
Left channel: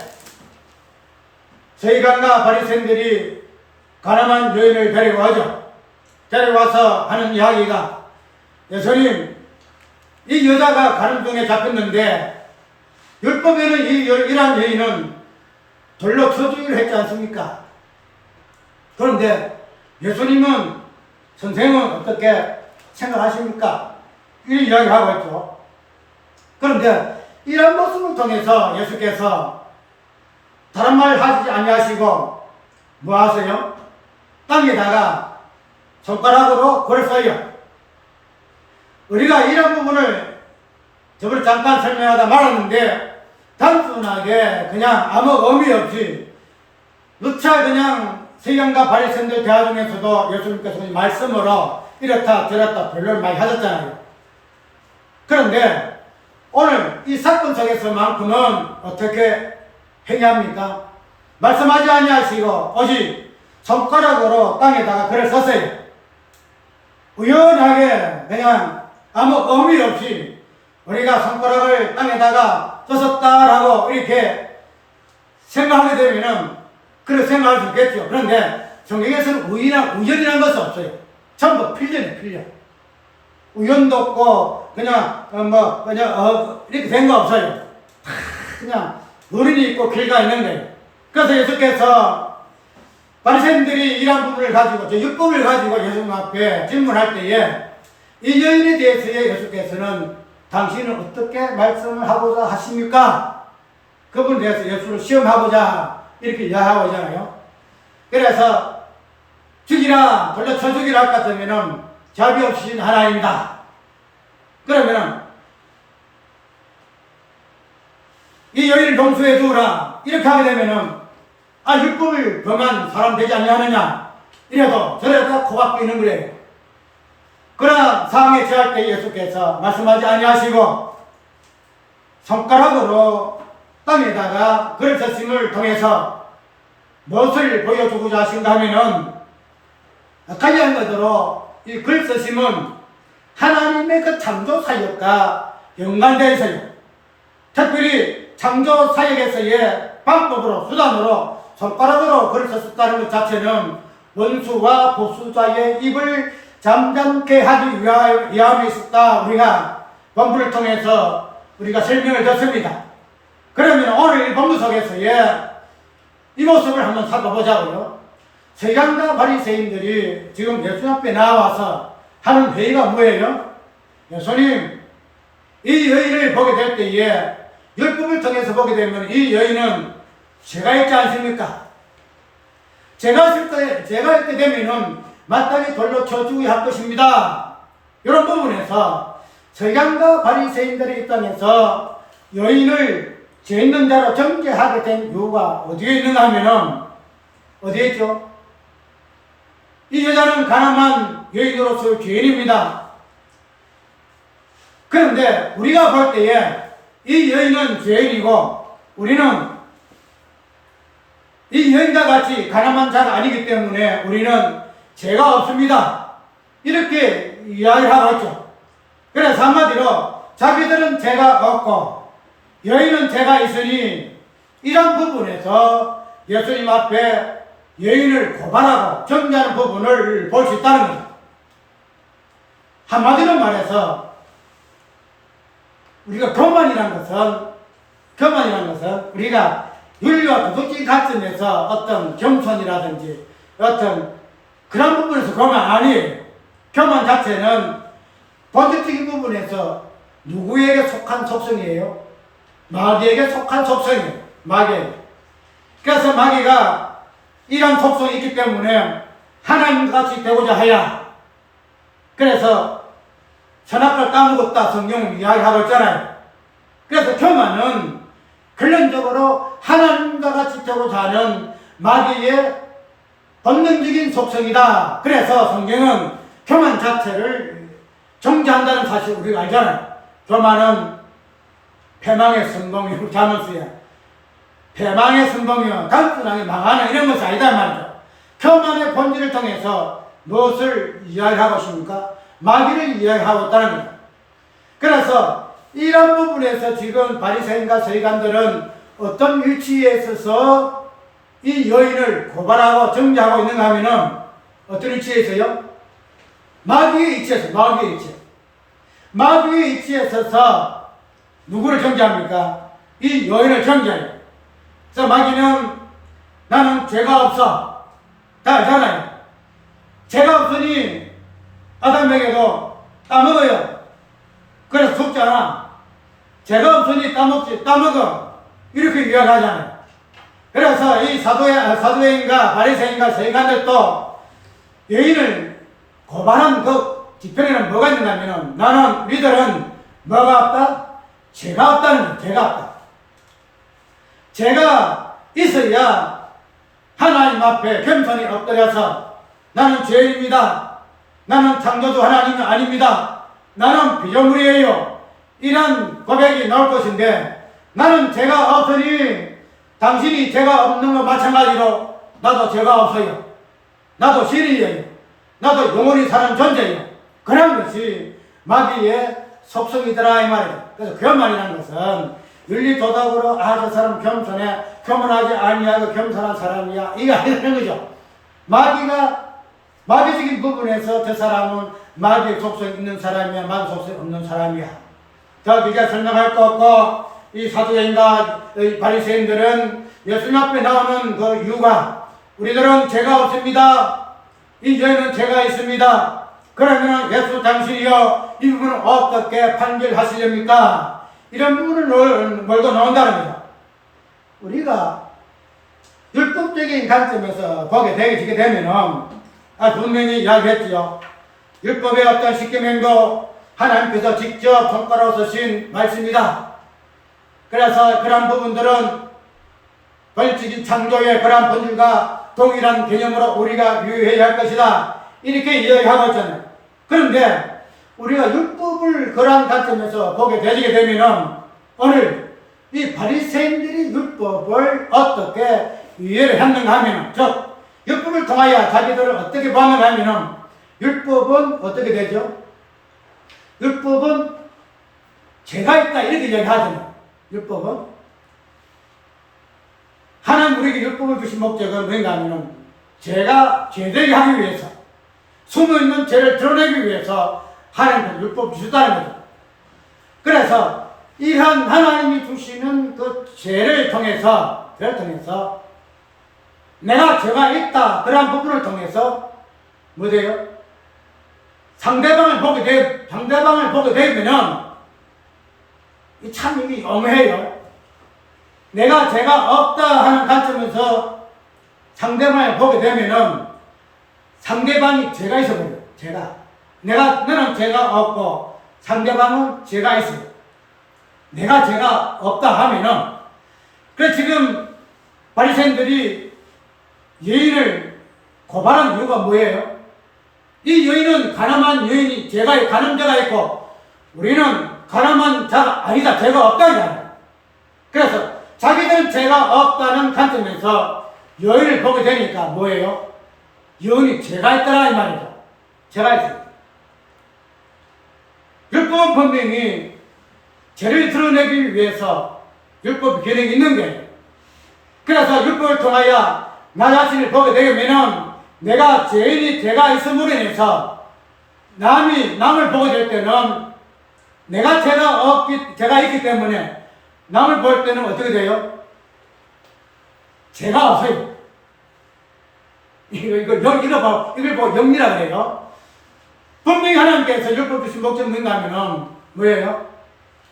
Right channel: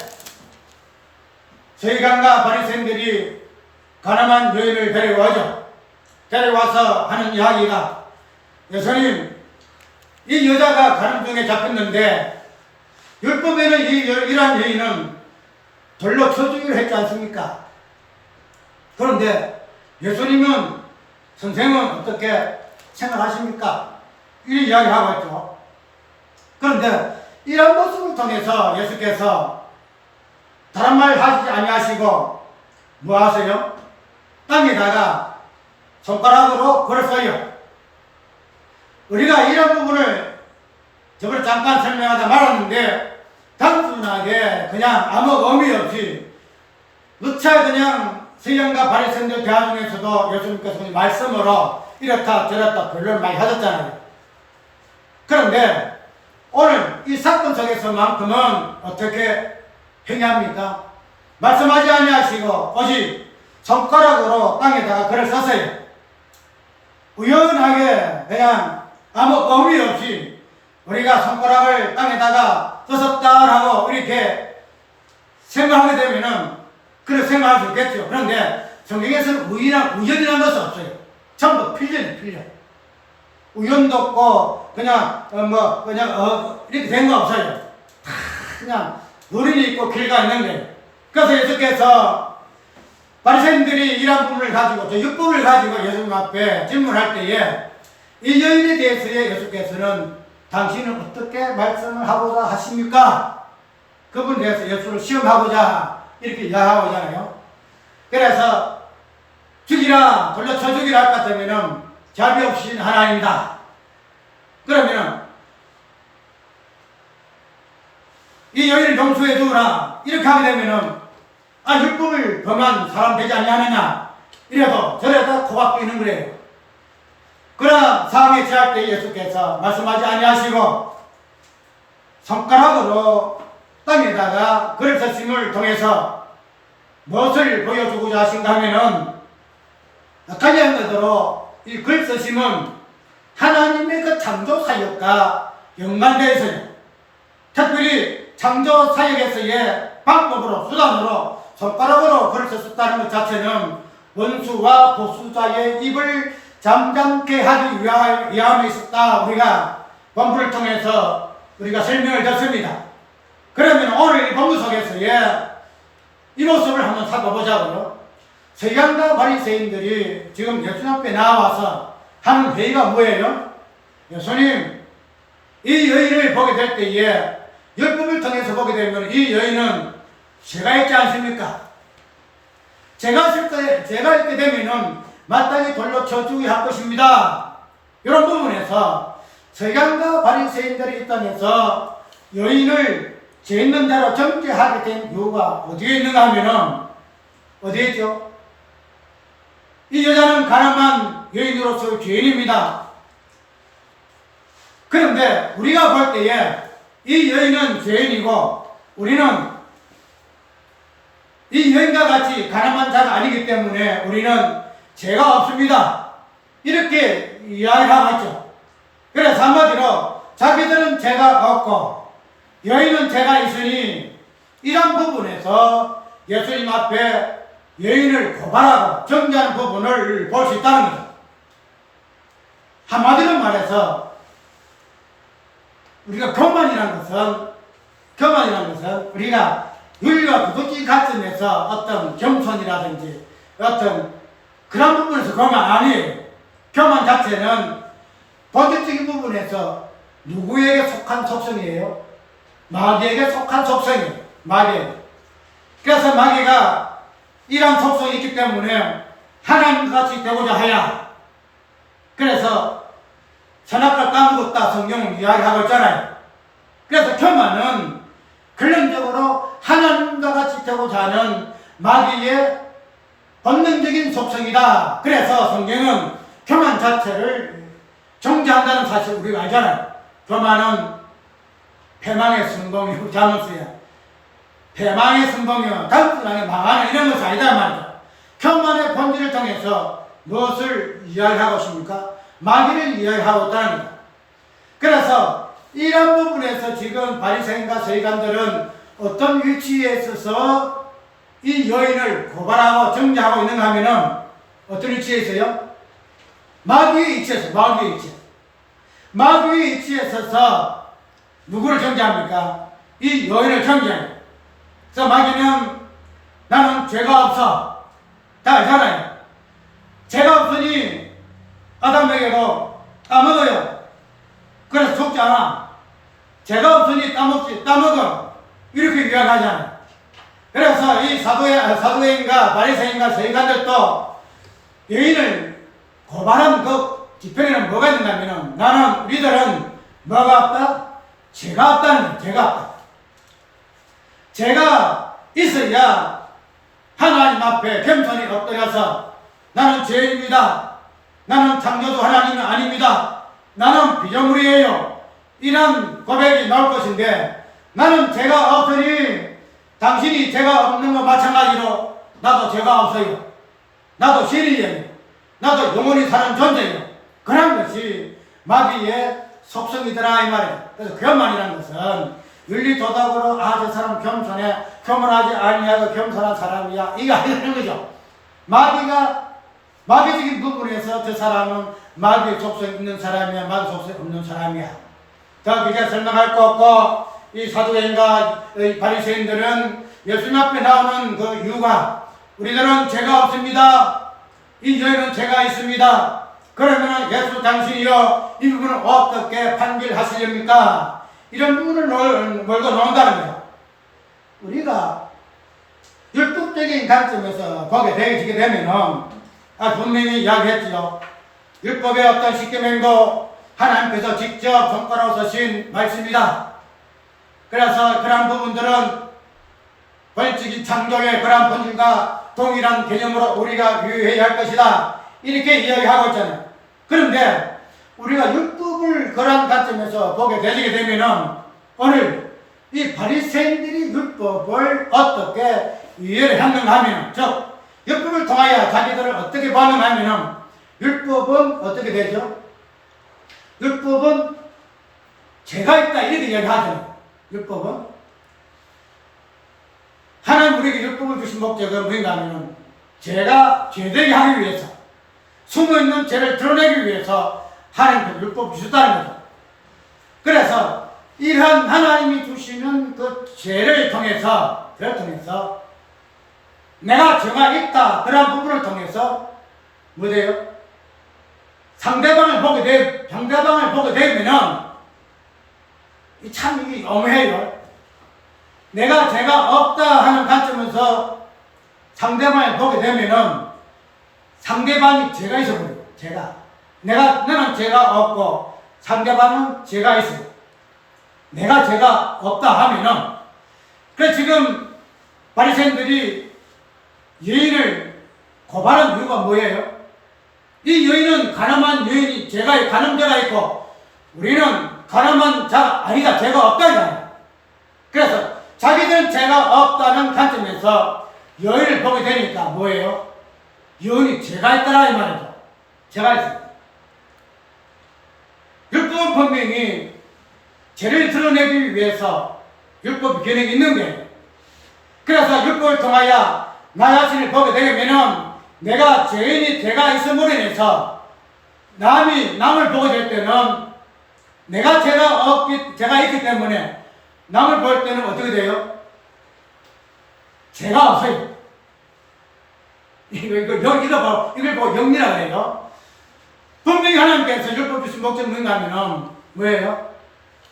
서기관과 바리새인들이 가늠한 여인을 데려와서 하는 이야기가 예수님 이 여자가 가늠 중에 잡혔는데 율법에는 이러한 여인은 돌로 쳐주기로 했지 않습니까? 그런데 예수님은 선생님은 어떻게 생각하십니까? 이 이야기하고 있죠. 그런데 이런 모습을 통해서 예수께서 다른 말 하시지 아니하시고 뭐 하세요? 땅에다가 손가락으로 글을 써요. 우리가 이런 부분을 저번에 잠깐 설명하다 말았는데 단순하게 그냥 아무 의미 없이 누차 그냥 서기관과 바리새인들 대화 중에서도 예수님께서 말씀으로 이렇다 저렇다 변론을 많이 하셨잖아요. 그런데 오늘 이 사건 속에서만큼은 어떻게 행위합니까? 말씀하지 아니하시고 오직 손가락으로 땅에다가 글을 썼어요. 우연하게 그냥 아무 의미 없이 우리가 손가락을 땅에다가 썼다라고 이렇게 생각하게 되면은 그렇게 생각할 수 있겠죠. 그런데 성경에서는 우연이라는 것은 없어요. 전부 필연. 우연도 없고 그냥 이렇게 된 거 없어요. 그냥 어린이 있고 길가 있는 거예요. 그래서 예수께서 바리새인들이 이런 부분을 가지고 율법을 가지고 예수님 앞에 질문할 때에 이 여인에 대해서 예수께서는 당신은 어떻게 말씀을 하고자 하십니까? 그분에 대해서 예수를 시험하고자 이렇게 이야기하고 있잖아요. 그래서 죽이라 돌려 쳐 죽이라 할 것 같으면은 자비 없으신 하나님이다. 그러면은 이 여인을 용서해 주라 이렇게 하게 되면은 율법을 범한 사람 되지 아니하느냐 이래도 저래도 고박고 있는 거예요. 그러나 상황에 처할 때 예수께서 말씀하지 아니하시고 손가락으로 땅에다가 글을 썼음을 통해서 무엇을 보여주고자 하신가 하면은 가장 그대로 이 글 쓰심은 하나님의 그 창조 사역과 연관되어 있어요. 특별히 창조 사역에서의 방법으로 수단으로 손가락으로 글을 썼다는 것 자체는 원수와 복수자의 입을 잠잠케 하기 위함에 있었다. 우리가 본문을 통해서 우리가 설명을 듣습니다. 그러면 오늘 이 본문 속에서의 이 모습을 한번 살펴보자고요. 서기관과 바리새인들이 지금 예수님 앞에 나와서 하는 회의가 뭐예요? 예수님, 이 여인을 보게 될 때에 율법을 통해서 보게 되면 이 여인은 죄가 있지 않습니까? 죄가 있게 되면은 마땅히 돌로 쳐 죽게 할 것입니다. 이런 부분에서 서기관과 바리새인들의 입장에서 여인을 죄 있는 자로 정죄하게 된 이유가 어디에 있는가 하면은 어디에 있죠? 이 여자는 가늠한 여인으로서 죄인입니다. 그런데 우리가 볼 때에 이 여인은 죄인이고 우리는 이 여인과 같이 가늠한 자가 아니기 때문에 우리는 죄가 없습니다. 이렇게 이야기를 하고 있죠. 그래서 한마디로 자기들은 죄가 없고 여인은 죄가 있으니 이런 부분에서 예수님 앞에 여인을 고발하고 정죄하는 부분을 볼 수 있다는 거죠. 한마디로 말해서 우리가 교만이라는 것은 우리가 윤리와 도덕적인 관점에서 어떤 겸손이라든지 어떤 그런 부분에서 교만 아니에요. 교만 자체는 본질적인 부분에서 누구에게 속한 속성이에요? 마귀에게 속한 속성이에요. 마귀에게. 그래서 마귀가 이런 속성이 있기 때문에 하나님같이 되고자 하여 그래서 선악과를 따먹었다 성경은 이야기하고 있잖아요. 그래서 교만은 근본적으로 하나님과 같이 되고자 하는 마귀의 본능적인 속성이다. 그래서 성경은 교만 자체를 정죄한다는 사실을 우리가 알잖아요. 교만은 패망의 선봉이고 자문수야. 패망의 선봉이요. 단순하게 망하는 이런 것이 아니다 말이죠. 교만의 본질을 통해서 무엇을 이야기하고 있습니까? 마귀를 이야기하고 있다는 겁니다. 그래서 이런 부분에서 지금 바리새인과 서기관들은 어떤 위치에 있어서 이 여인을 고발하고 정죄하고 있는가 하면은 어떤 위치에 있어요? 마귀의 위치에 있어요. 마귀의 위치. 마귀의 위치에 있어서 누구를 정죄합니까? 이 여인을 정죄해요. 그래서 마귀는 나는 죄가 없어. 다 알잖아요. 죄가 없으니 아담에게도 따먹어요. 그래서 죽지 않아. 죄가 없으니 따먹어. 이렇게 이야기하잖아요. 그래서 이 사두개인과 바리새인과 서기관들도 여인을 고발한 그 뒤편에는 뭐가 있는가 하면 나는 우리들은 뭐가 없다? 죄가 없다는 거예요. 죄가 없다. 죄가 있어야 하나님 앞에 겸손히 엎드려서 나는 죄인입니다. 나는 창조주 하나님은 아닙니다. 나는 피조물이에요. 이런 고백이 나올 것인데 나는 죄가 없으니 당신이 죄가 없는 것 마찬가지로 나도 죄가 없어요. 나도 신이에요. 나도 영원히 사는 존재예요. 그런 것이 마귀의 속성이더라 이 말이에요. 그래서 교만이라는 것은 윤리 도덕으로 저 사람 겸손해 교만하지 아니하고 겸손한 사람이야 이거 아니라는 거죠. 마귀적인 부분에서 저 사람은 마귀의 속성이 있는 사람이야 마귀 속성이 없는 사람이야. 더 길게 설명할 거 없고 이 사두개인과 바리새인들은 예수님 앞에 나오는 그 이유가 우리들은 죄가 없습니다. 이 여인은 죄가 있습니다. 그러면 예수 당신이여 이 부분을 어떻게 판결하시렵니까? 이런 부분을 몰고 나온다는 거죠. 우리가 율법적인 관점에서 보게 되게 되면은 분명히 이야기했지요. 율법의 어떤 십계명도 하나님께서 직접 손가락으로 쓰신 말씀이다. 그래서 그러한 부분들은 본질적인 창조의 그러한 본질과 동일한 개념으로 우리가 유의해야 할 것이다. 이렇게 이야기하고 있잖아요. 그런데 우리가 율법을 그러한 관점에서 보게 되면은 오늘 이 바리새인들이 율법을 어떻게 이해를 했는가 하면 즉 율법을 통하여 자기들을 어떻게 보았는가 하면은 율법은 어떻게 되죠? 율법은 죄가 있다 이렇게 이야기하잖아요. 율법은 하나님 우리에게 율법을 주신 목적은 뭔가 하면은 죄가 죄되게 하기 위해서 숨어있는 죄를 드러내기 위해서 하나님께서 율법을 주셨다는 거죠. 그래서 이러한 하나님이 주시는 그 죄를 통해서 내가 죄가 있다 그런 부분을 통해서 뭐돼요? 상대방을 보게 되면은 참 이게 엄해요. 내가 죄가 없다 하는 관점에서 상대방을 보게 되면은 상대방이 죄가 있어버려요. 너는 죄가 없고 상대방은 죄가 있어. 내가 죄가 없다 하면은, 그래 지금 바리새인들이 여인을 고발한 이유가 뭐예요? 이 여인은 가늠한 여인이 가늠죄가 있고 우리는 가늠한 자가 아니다, 죄가 없다 이거야. 그래서 자기들은 죄가 없다는 관점에서 여인을 보게 되니까 뭐예요? 여인이 죄가 있더라 이 말이죠. 죄가 있습니다. 율법은 분명히 죄를 드러내기 위해서 율법이 기능이 있는 거예요. 그래서 율법을 통하여 나 자신을 보게 되면은 내가 죄가 있음으로 인해서 남을 보게 될 때는 내가 죄가 있기 때문에 남을 볼 때는 어떻게 돼요? 죄가 없어요. 이걸 보고 영리라 그래요. 분명히 하나님께서 율법 주신 목적 뭔가 하면은 뭐예요?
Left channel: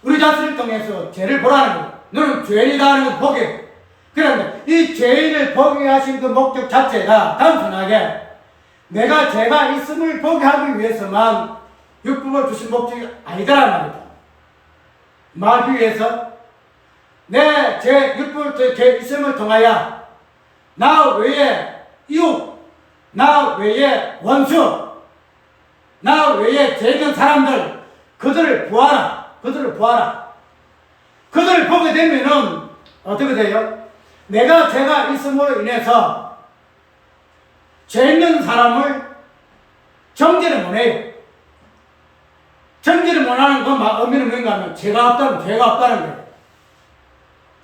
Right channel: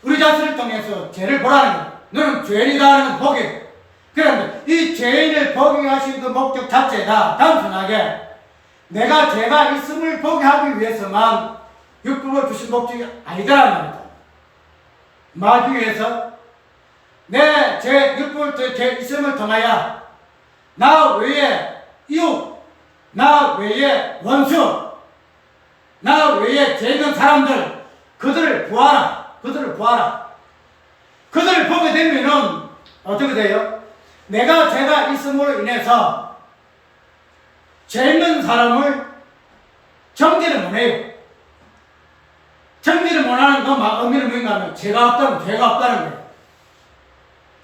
우리 자신을 통해서 죄를 보라는 거예요. 너는 죄인이다 하는 걸 보게. 그런데 이 죄인을 보게 하신 그 목적 자체가 단순하게 내가 죄가 있음을 보게 하기 위해서만 율법을 주신 목적이 아니더라는 말이다. 말하기 위해서 내 율법을 죄 있음을 통하여 나 외에 이웃, 나 외에 원수, 나 외에 죄 있는 사람들, 그들을 보아라. 그들을 보게 되면은 어떻게 돼요? 내가 죄가 있음으로 인해서 죄 있는 사람을 정죄를 못해요. 정죄를 못하는 그 의미는 뭔가 하면 죄가 없다는 거예요.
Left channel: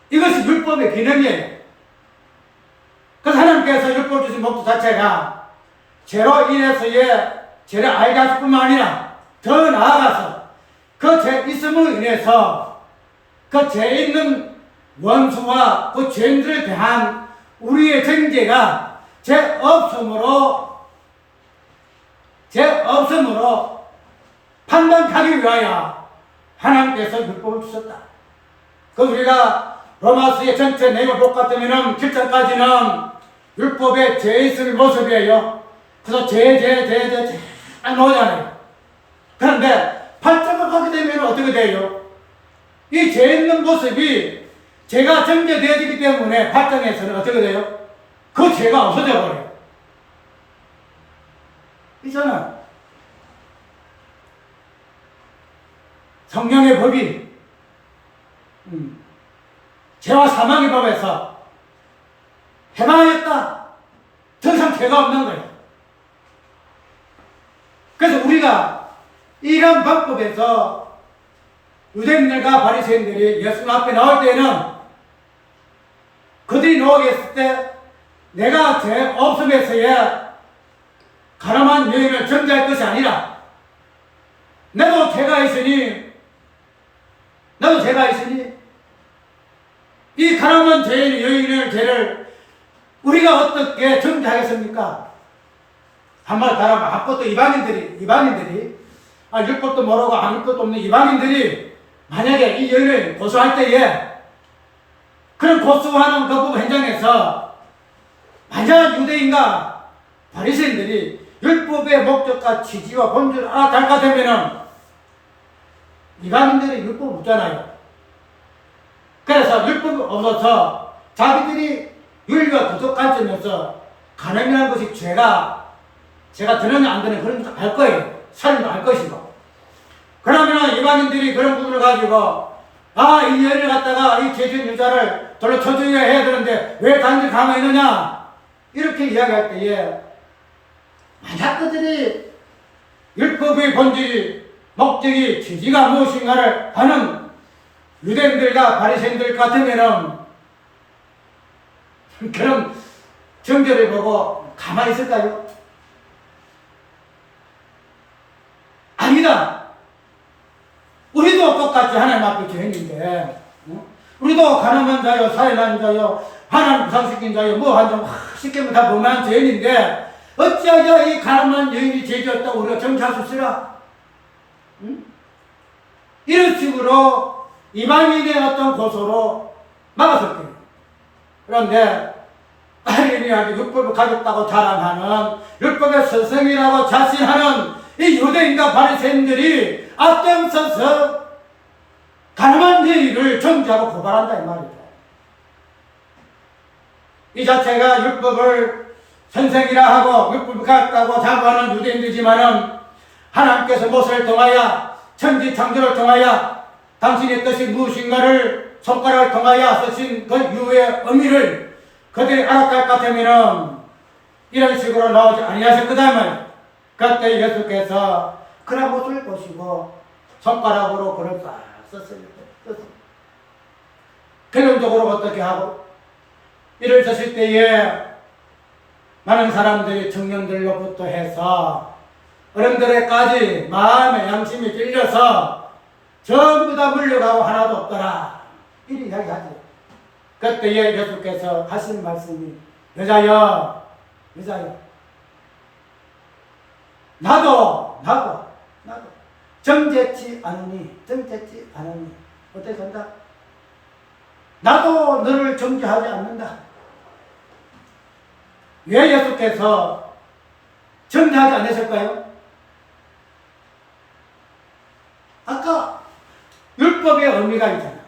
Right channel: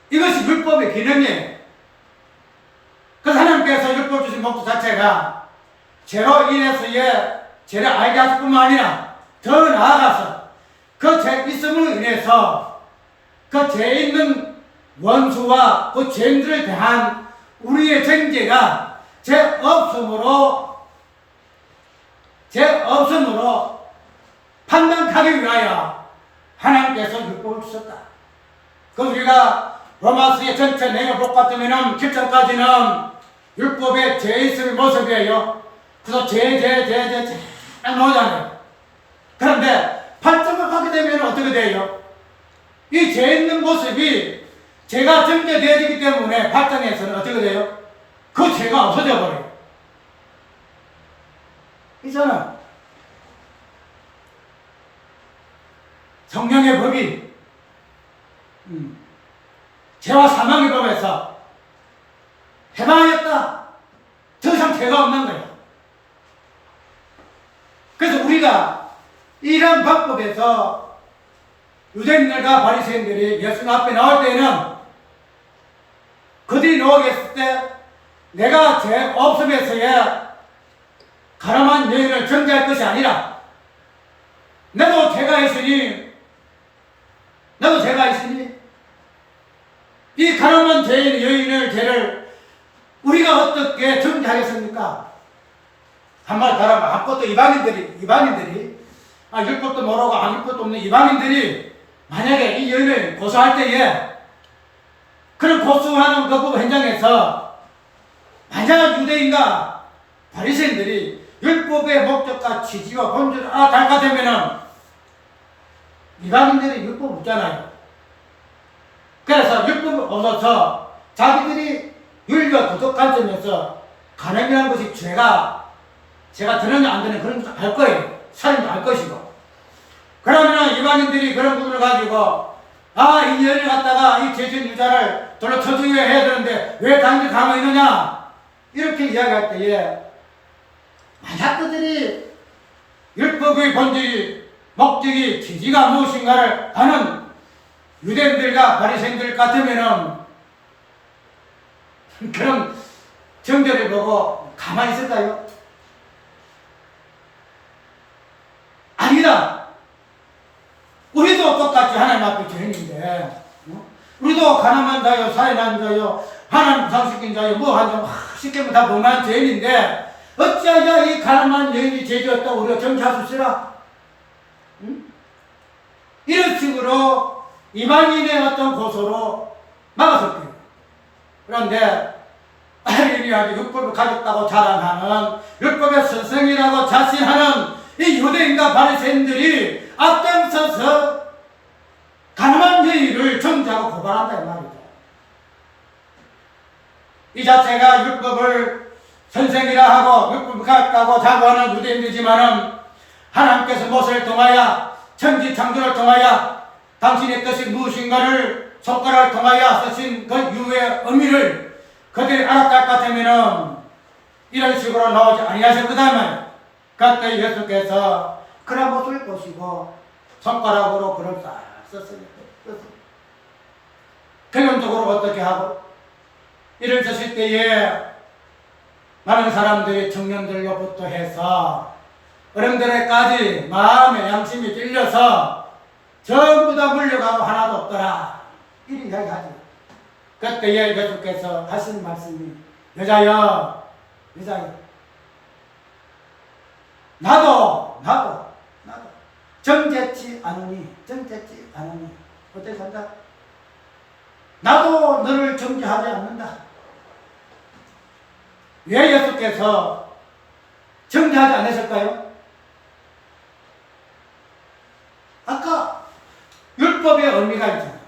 이것이 율법의 기능이에요. 그래서 하나님께서 율법 주신 목적 자체가 죄로 인해서의 죄를 알게 하실 뿐만 아니라 더 나아가서 그 죄 있음으로 인해서 그 죄 있는 원수와 그 죄인들을 대한 우리의 정죄가 죄 없음으로 판단하기 위하여 하나님께서 율법을 주셨다. 그 우리가 로마서의 전체 내용을 볼 것 같으면 7장까지는 율법의 죄 있을 모습이에요. 그래서 죄 나오잖아요. 그런데 8장을 가게 되면 어떻게 돼요? 이 죄 있는 모습이 죄가 정죄되어지기 때문에 8장에서는 어떻게 돼요? 그 죄가 없어져 버려요. 있잖아요. 성령의 법이 죄와 사망의 법에서 해방하였다. 더 이상 죄가 없는 거야. 그래서 우리가 이런 방법에서 유대인들과 바리새인들이 예수 앞에 나올 때는 그들이 나오겠을 때 내가 죄 없음에서의 가늠한 여인을 정죄할 것이 아니라 나도 죄가 있으니 이 가늠한 죄를 우리가 어떻게 정죄하겠습니까? 한말 가라면 아무것도 이방인들이 율법도 모르고 아무 것도 없는 이방인들이 만약에 이 여인을 고소할 때에 그런 고소하는 그 부분 현장에서 만약 유대인과 바리새인들이 율법의 목적과 취지와 본질을 알아달까 되면은 이방인들이 율법 없잖아요. 그래서 율법이 없어서 자기들이 윤리와 도덕 관점에서 가늠이라는 것이 죄가 드느냐 안 되는 그런 것도 알 거예요. 살인도 알 것이고. 그러면은 이방인들이 그런 부분을 가지고 이 여인을 갖다가 이 죄진 여자를 돌로 쳐주어야 해야 되는데 왜 당신이 가만히 있느냐 이렇게 이야기할 때에 만약 그들이 율법의 본질이 목적이 취지가 무엇인가를 아는 유대인들과 바리새인들 같으면은 그런 정죄를 보고 가만히 있을까요? 아니다. 우리도 똑같이 하나님 앞에 죄인인데, 우리도 가늠한 자요, 살인한 자요, 하나님 부상시킨 자요, 한 점 시키면 다 범한 죄인인데, 어찌하여 이 가늠한 여인이 죄지었다고 우리가 정죄할 수 있으라? 이런 식으로 이방인의 어떤 고소로 막았을 거예요. 그런데 아이린이 아주 율법을 가졌다고 자랑하는 율법의 선생이라고 자신하는 이 유대인과 바리새인들이 앞장서서 가늠한 여인을 정죄하고 고발한다 이 말이죠. 이 자체가 율법을 선생이라 하고 율법을 같다고 자부하는 유대인들이지만은 하나님께서 모세를 통하여 천지 창조를 통하여 당신의 뜻이 무엇인가를 손가락을 통하여 쓰신 그 이유의 의미를 그들이 알았을 것 같으면은 이런 식으로 나오지 아니하실 거다 말이에요. 그때 예수께서 그런 모습을 보시고 손가락으로 그걸 싹 썼어요. 결론적으로 어떻게 하고 이를 쓰실 때에 많은 사람들이 청년들로부터 해서 어른들에까지 마음의 양심이 찔려서 전부 다 물려가고 하나도 없더라 이렇게 이야기하죠. 그때에 예수께서 하신 말씀이 여자여 나도 정죄치 않으니 어떻게 한다? 나도 너를 정죄하지 않는다. 왜 예수께서 정죄하지 않으실까요? 아까 율법의 의미가 있잖아요.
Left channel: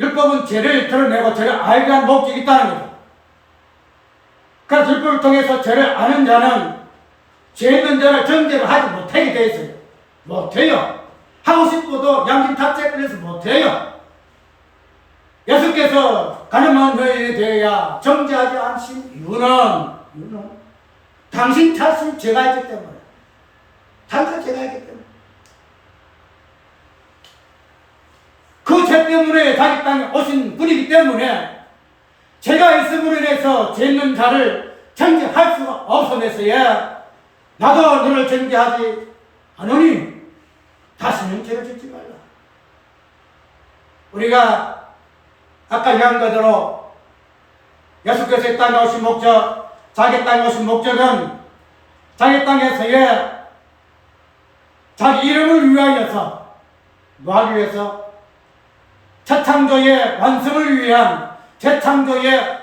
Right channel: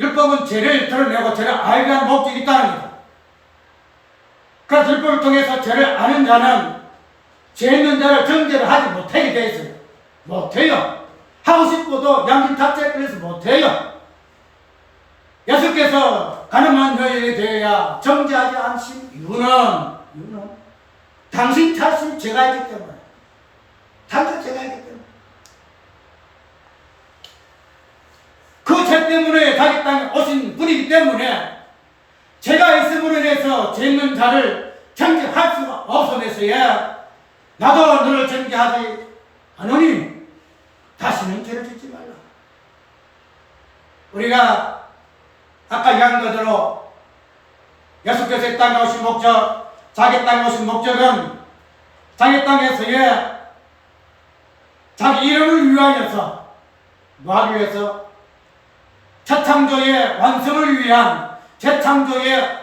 율법은 죄를 드러내고 죄를 알게 하는 목적이 있다는 거죠. 그래서 율법을 통해서 죄를 아는 자는 죄 있는 자를 정죄를 하지 못하게 되어 있어요. 못해요. 하고 싶어도 양심 탓에 끌려서 못해요. 예수께서 가늠한 여인에 대하여 정죄하지 않으신 이유는 당신 자신 죄가 있기 때문에 당신 죄가 있기 때문에 그 죄 때문에 자기 땅에 오신 분이기 때문에 죄가 있음으로 인해서 죄 있는 자를 정죄할 수가 없어서야 나도 너를 정죄하지 않으니 다시는 죄를 짓지 말라. 우리가 아까 이야기한 그대로 예수께서 이 땅에 오신 목적, 자기 땅에 오신 목적은 자기 땅에서의 자기 이름을 위하여서 뭐하기 위해서? 재창조의 완성을 위한 재창조의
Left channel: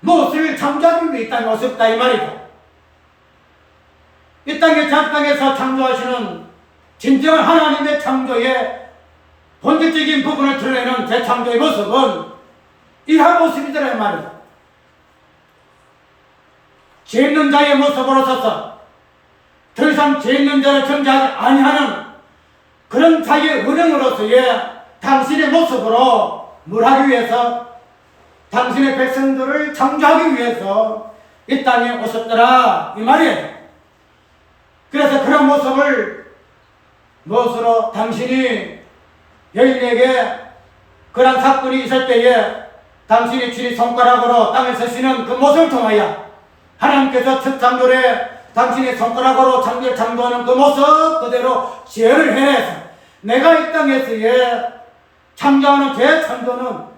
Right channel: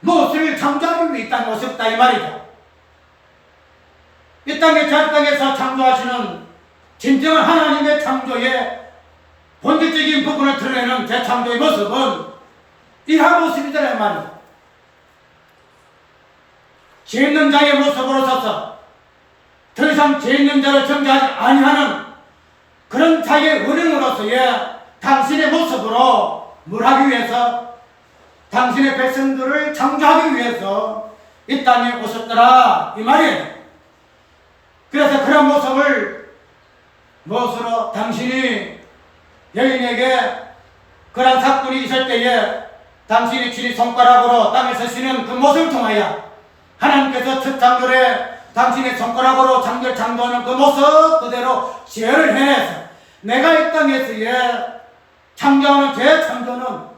무엇을 창조하기 위해 이 땅에 오셨다 이 말이죠. 이 땅에 자기 땅에서 창조하시는 진정한 하나님의 창조의 본질적인 부분을 드러내는 재창조의 모습은 이러한 모습이더란 말이죠. 죄 있는 자의 모습으로 서서 더 이상 죄 있는 자를 정죄하지 아니하는 그런 자의 은행으로서의 당신의 모습으로 뭘 하기 위해서? 당신의 백성들을 창조하기 위해서 이 땅에 오셨더라 이 말이에요. 그래서 그런 모습을 무엇으로? 당신이 여인에게 그런 사건이 있을 때에 당신이 친히 손가락으로 땅을 쓰시는 그 모습을 통하여 하나님께서 첫 창조에 당신의 손가락으로 창조하는 그 모습 그대로 죄를 해내서 내가 이 땅에서의 창조하는 재창조는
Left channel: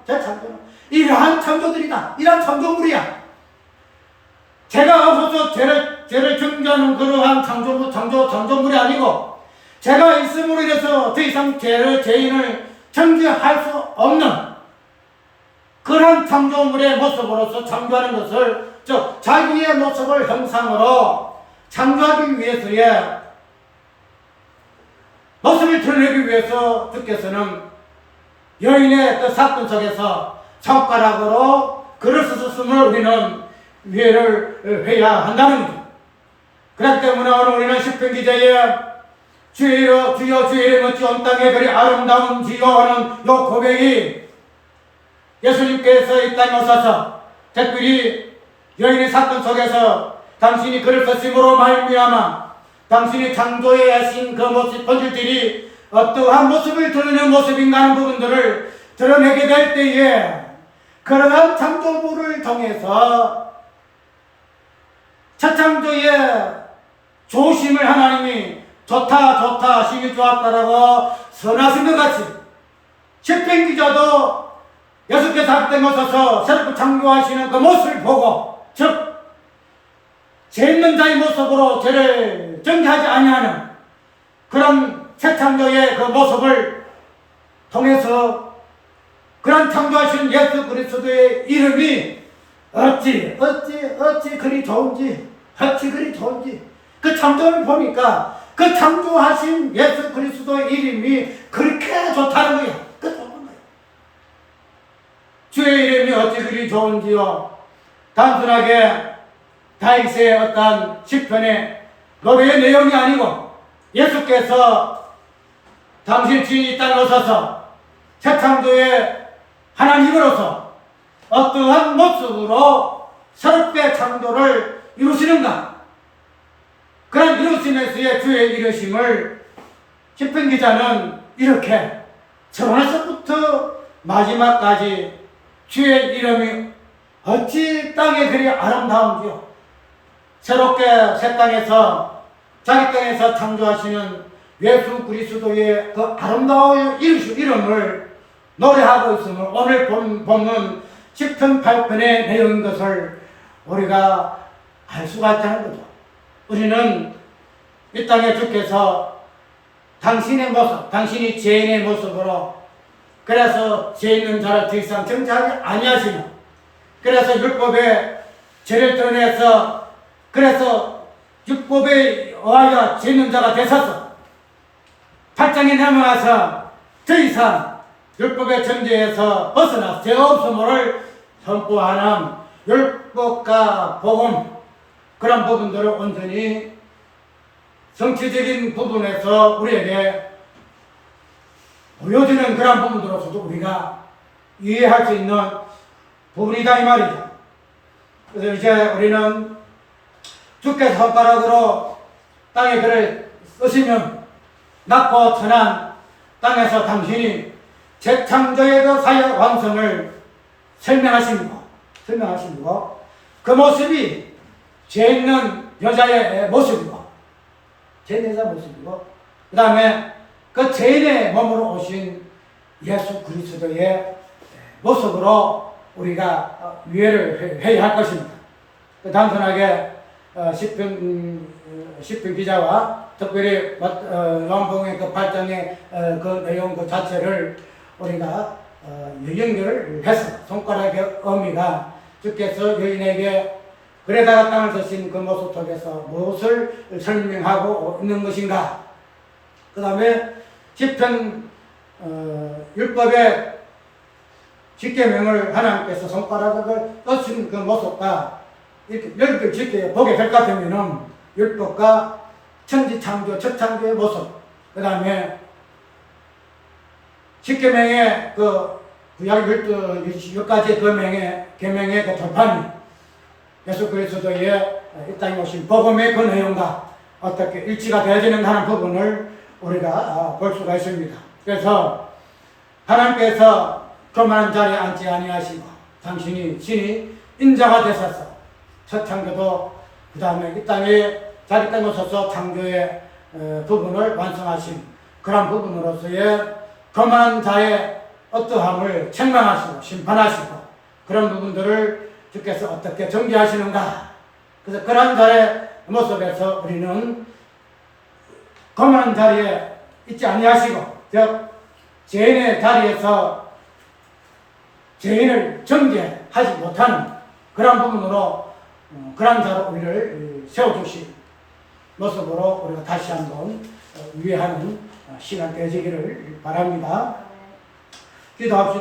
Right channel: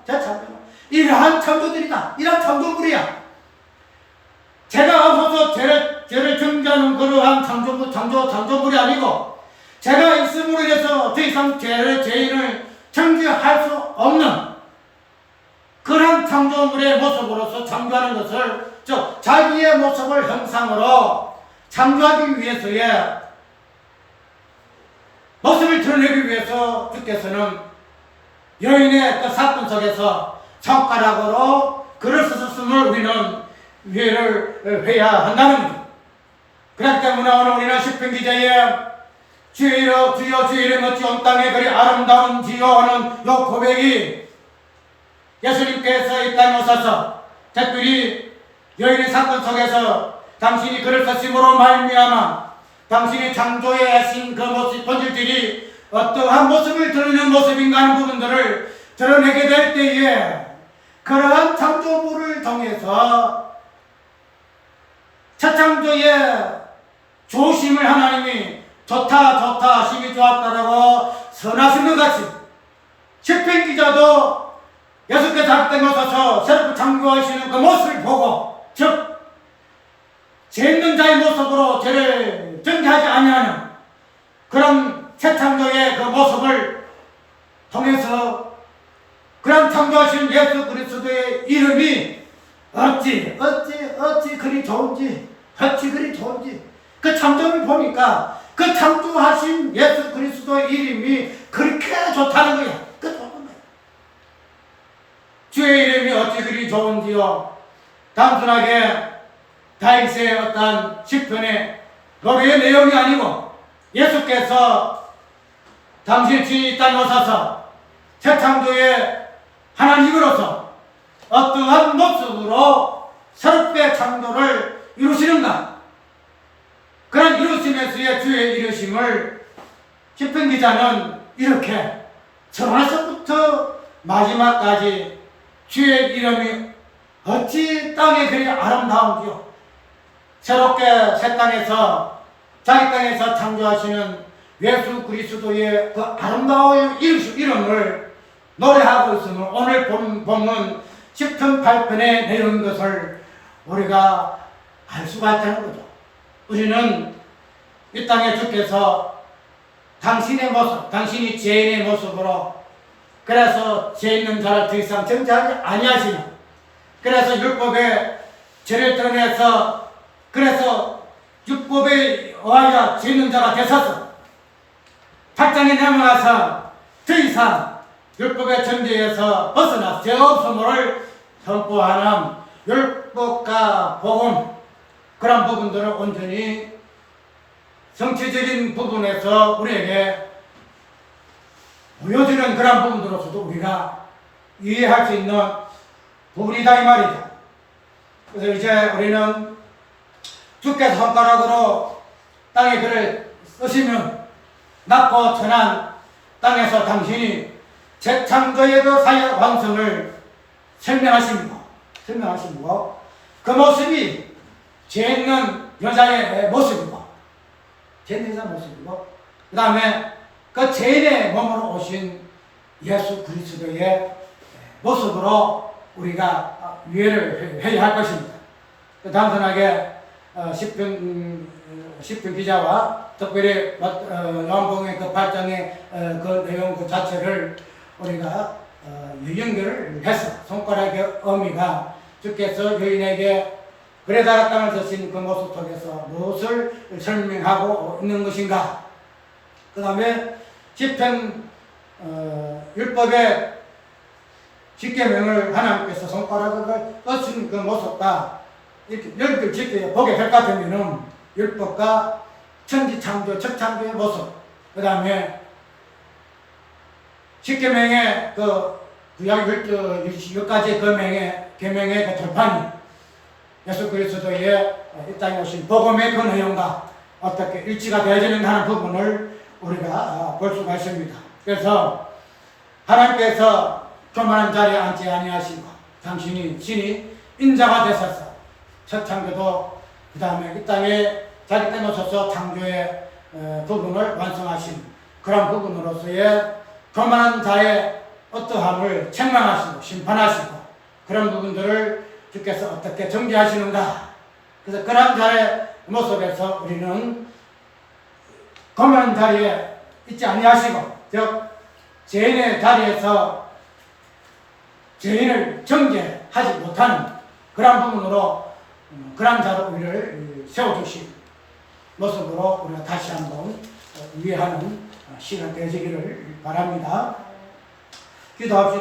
이러한 창조들이다. 이러한 창조물이야. 제가 없어서 죄를 정죄하는 그러한 창조물이 아니고 제가 있음으로 인해서 더 이상 죄인을 정죄할 수 없는 그러한 창조물의 모습으로서 창조하는 것을 즉 자기의 모습을 형상으로 창조하기 위해서의 모습을 드러내기 위해서 주께서는 여인의 그 사건 속에서 손가락으로 글을 쓰셨음을 우리는 이해를 해야 한다는 거죠. 그렇기 때문에 오늘 우리는 시편 기자의 주여 주의 이름 어찌 온 땅에 그리 아름다운지요 하는 요 고백이 예수님께서 이 땅에 오셔서 특별히 여인의 사건 속에서 당신이 글을 쓰심으로 말미암아 당신이 창조해 하신 그 모습 본질들이 어떠한 모습을 드러내는 모습인가 하는 부분들을 드러내게 될 때에 그러한 창조물을 통해서 첫 창조의 조심을 하나님이 좋다 심히 좋았다라고 선하신 것 같이 시편 기자도 예수께서 자기 땅에 오셔서 새롭게 창조하시는 그 모습을 보고 즉 죄 있는 자의 모습으로 죄를 정죄하지 아니하는 그런 새 창조의 그 모습을 통해서 그런 창조하신 예수 그리스도의 이름이 어찌 그리 좋은지 그 창조를 보니까 그 창조하신 예수 그리스도의 이름이 그렇게 좋다는 거야. 그 좋은 거야. 주의 이름이 어찌 그리 좋은지요. 단순하게 다윗의 어떤 시편의 노래의 내용이 아니고 예수께서 당신 주인 이 땅에 오셔서 새 창조의 하나님으로서 어떠한 모습으로 새롭게 창조를 이루시는가, 그런 이루심에서의 주의 이루심을 시편 기자는 이렇게 처음에서부터 마지막까지 주의 이름이 어찌 땅에 그리 아름다운지요. 새롭게 새 땅에서 자기 땅에서 창조하시는 예수 그리스도의 그 아름다운 이름을 노래하고 있으면 오늘 본문 시편 8편의 내용인 것을 우리가 알 수가 있다는 거죠. 우리는 이 땅에 주께서 당신의 모습, 당신이 죄인의 모습으로, 그래서 죄 있는 자를 더 이상 정죄하지 아니하시는, 그래서 율법의 죄를 드러내서, 그래서 율법에 의하여 죄 있는 자가 되셔서 8장에 넘어가서 더 이상 율법의 정죄에서 벗어나 죄 없음을 선포하는 율법과 복음, 그런 부분들을 온전히 성취적인 부분에서 우리에게 보여주는 그런 부분으로서도 우리가 이해할 수 있는 부분이다 이 말이죠. 그래서 이제 우리는 주께서 손가락으로 땅에 글을 쓰시면 낮고 천한 땅에서 당신이 재창조의 그 사역 완성을 설명하시고 그 모습이 죄 있는 여자의 모습이고, 죄 있는 여자의 모습이고, 그 다음에 그 죄인의 몸으로 오신 예수 그리스도의 모습으로 우리가 이해를 해야 할 것입니다. 단순하게 시편 기자와 특별히 요한복음의 그 8장의 그 내용 그 자체를 우리가 연결을 해서 손가락의 의미가 주께서 여인에게 그래다가 땅을 드신 그 모습 속에서 무엇을 설명하고 있는 것인가. 그 다음에 시편 율법의 십계명을 하나님께서 손가락을 떠신 그 모습과 이렇게 연결 짓게 보게 될 것 같으면은 율법과 천지창조, 첫창조의 모습, 그 다음에 십계명의 그 구약 10가지 계명의 그 돌판이 예수 그리스도의 이 땅에 오신 복음의 그 내용과 어떻게 일치가 되어지는 하는 부분을 우리가 볼 수가 있습니다. 그래서 하나님께서 교만한 자리에 앉지 아니하시고 당신이 신이 인자가 되셔서 첫 창조도 그 다음에 이 땅에 자기 땅에 오셔서 창조의 부분을 완성하신 그런 부분으로서의 교만한 자의 어떠함을 책망하시고 심판하시고 그런 부분들을 주께서 어떻게 정죄하시는가. 그래서 그런 자의 모습에서 우리는 교만한 자리에 있지 아니하시고 즉 죄인의 자리에서 죄인을 정죄하지 못하는 그런 부분으로 그런 자로 우리를 세워주신 모습으로 우리가 다시 한번 이해하는 시간 되어지기를 바랍니다. 기도합시다.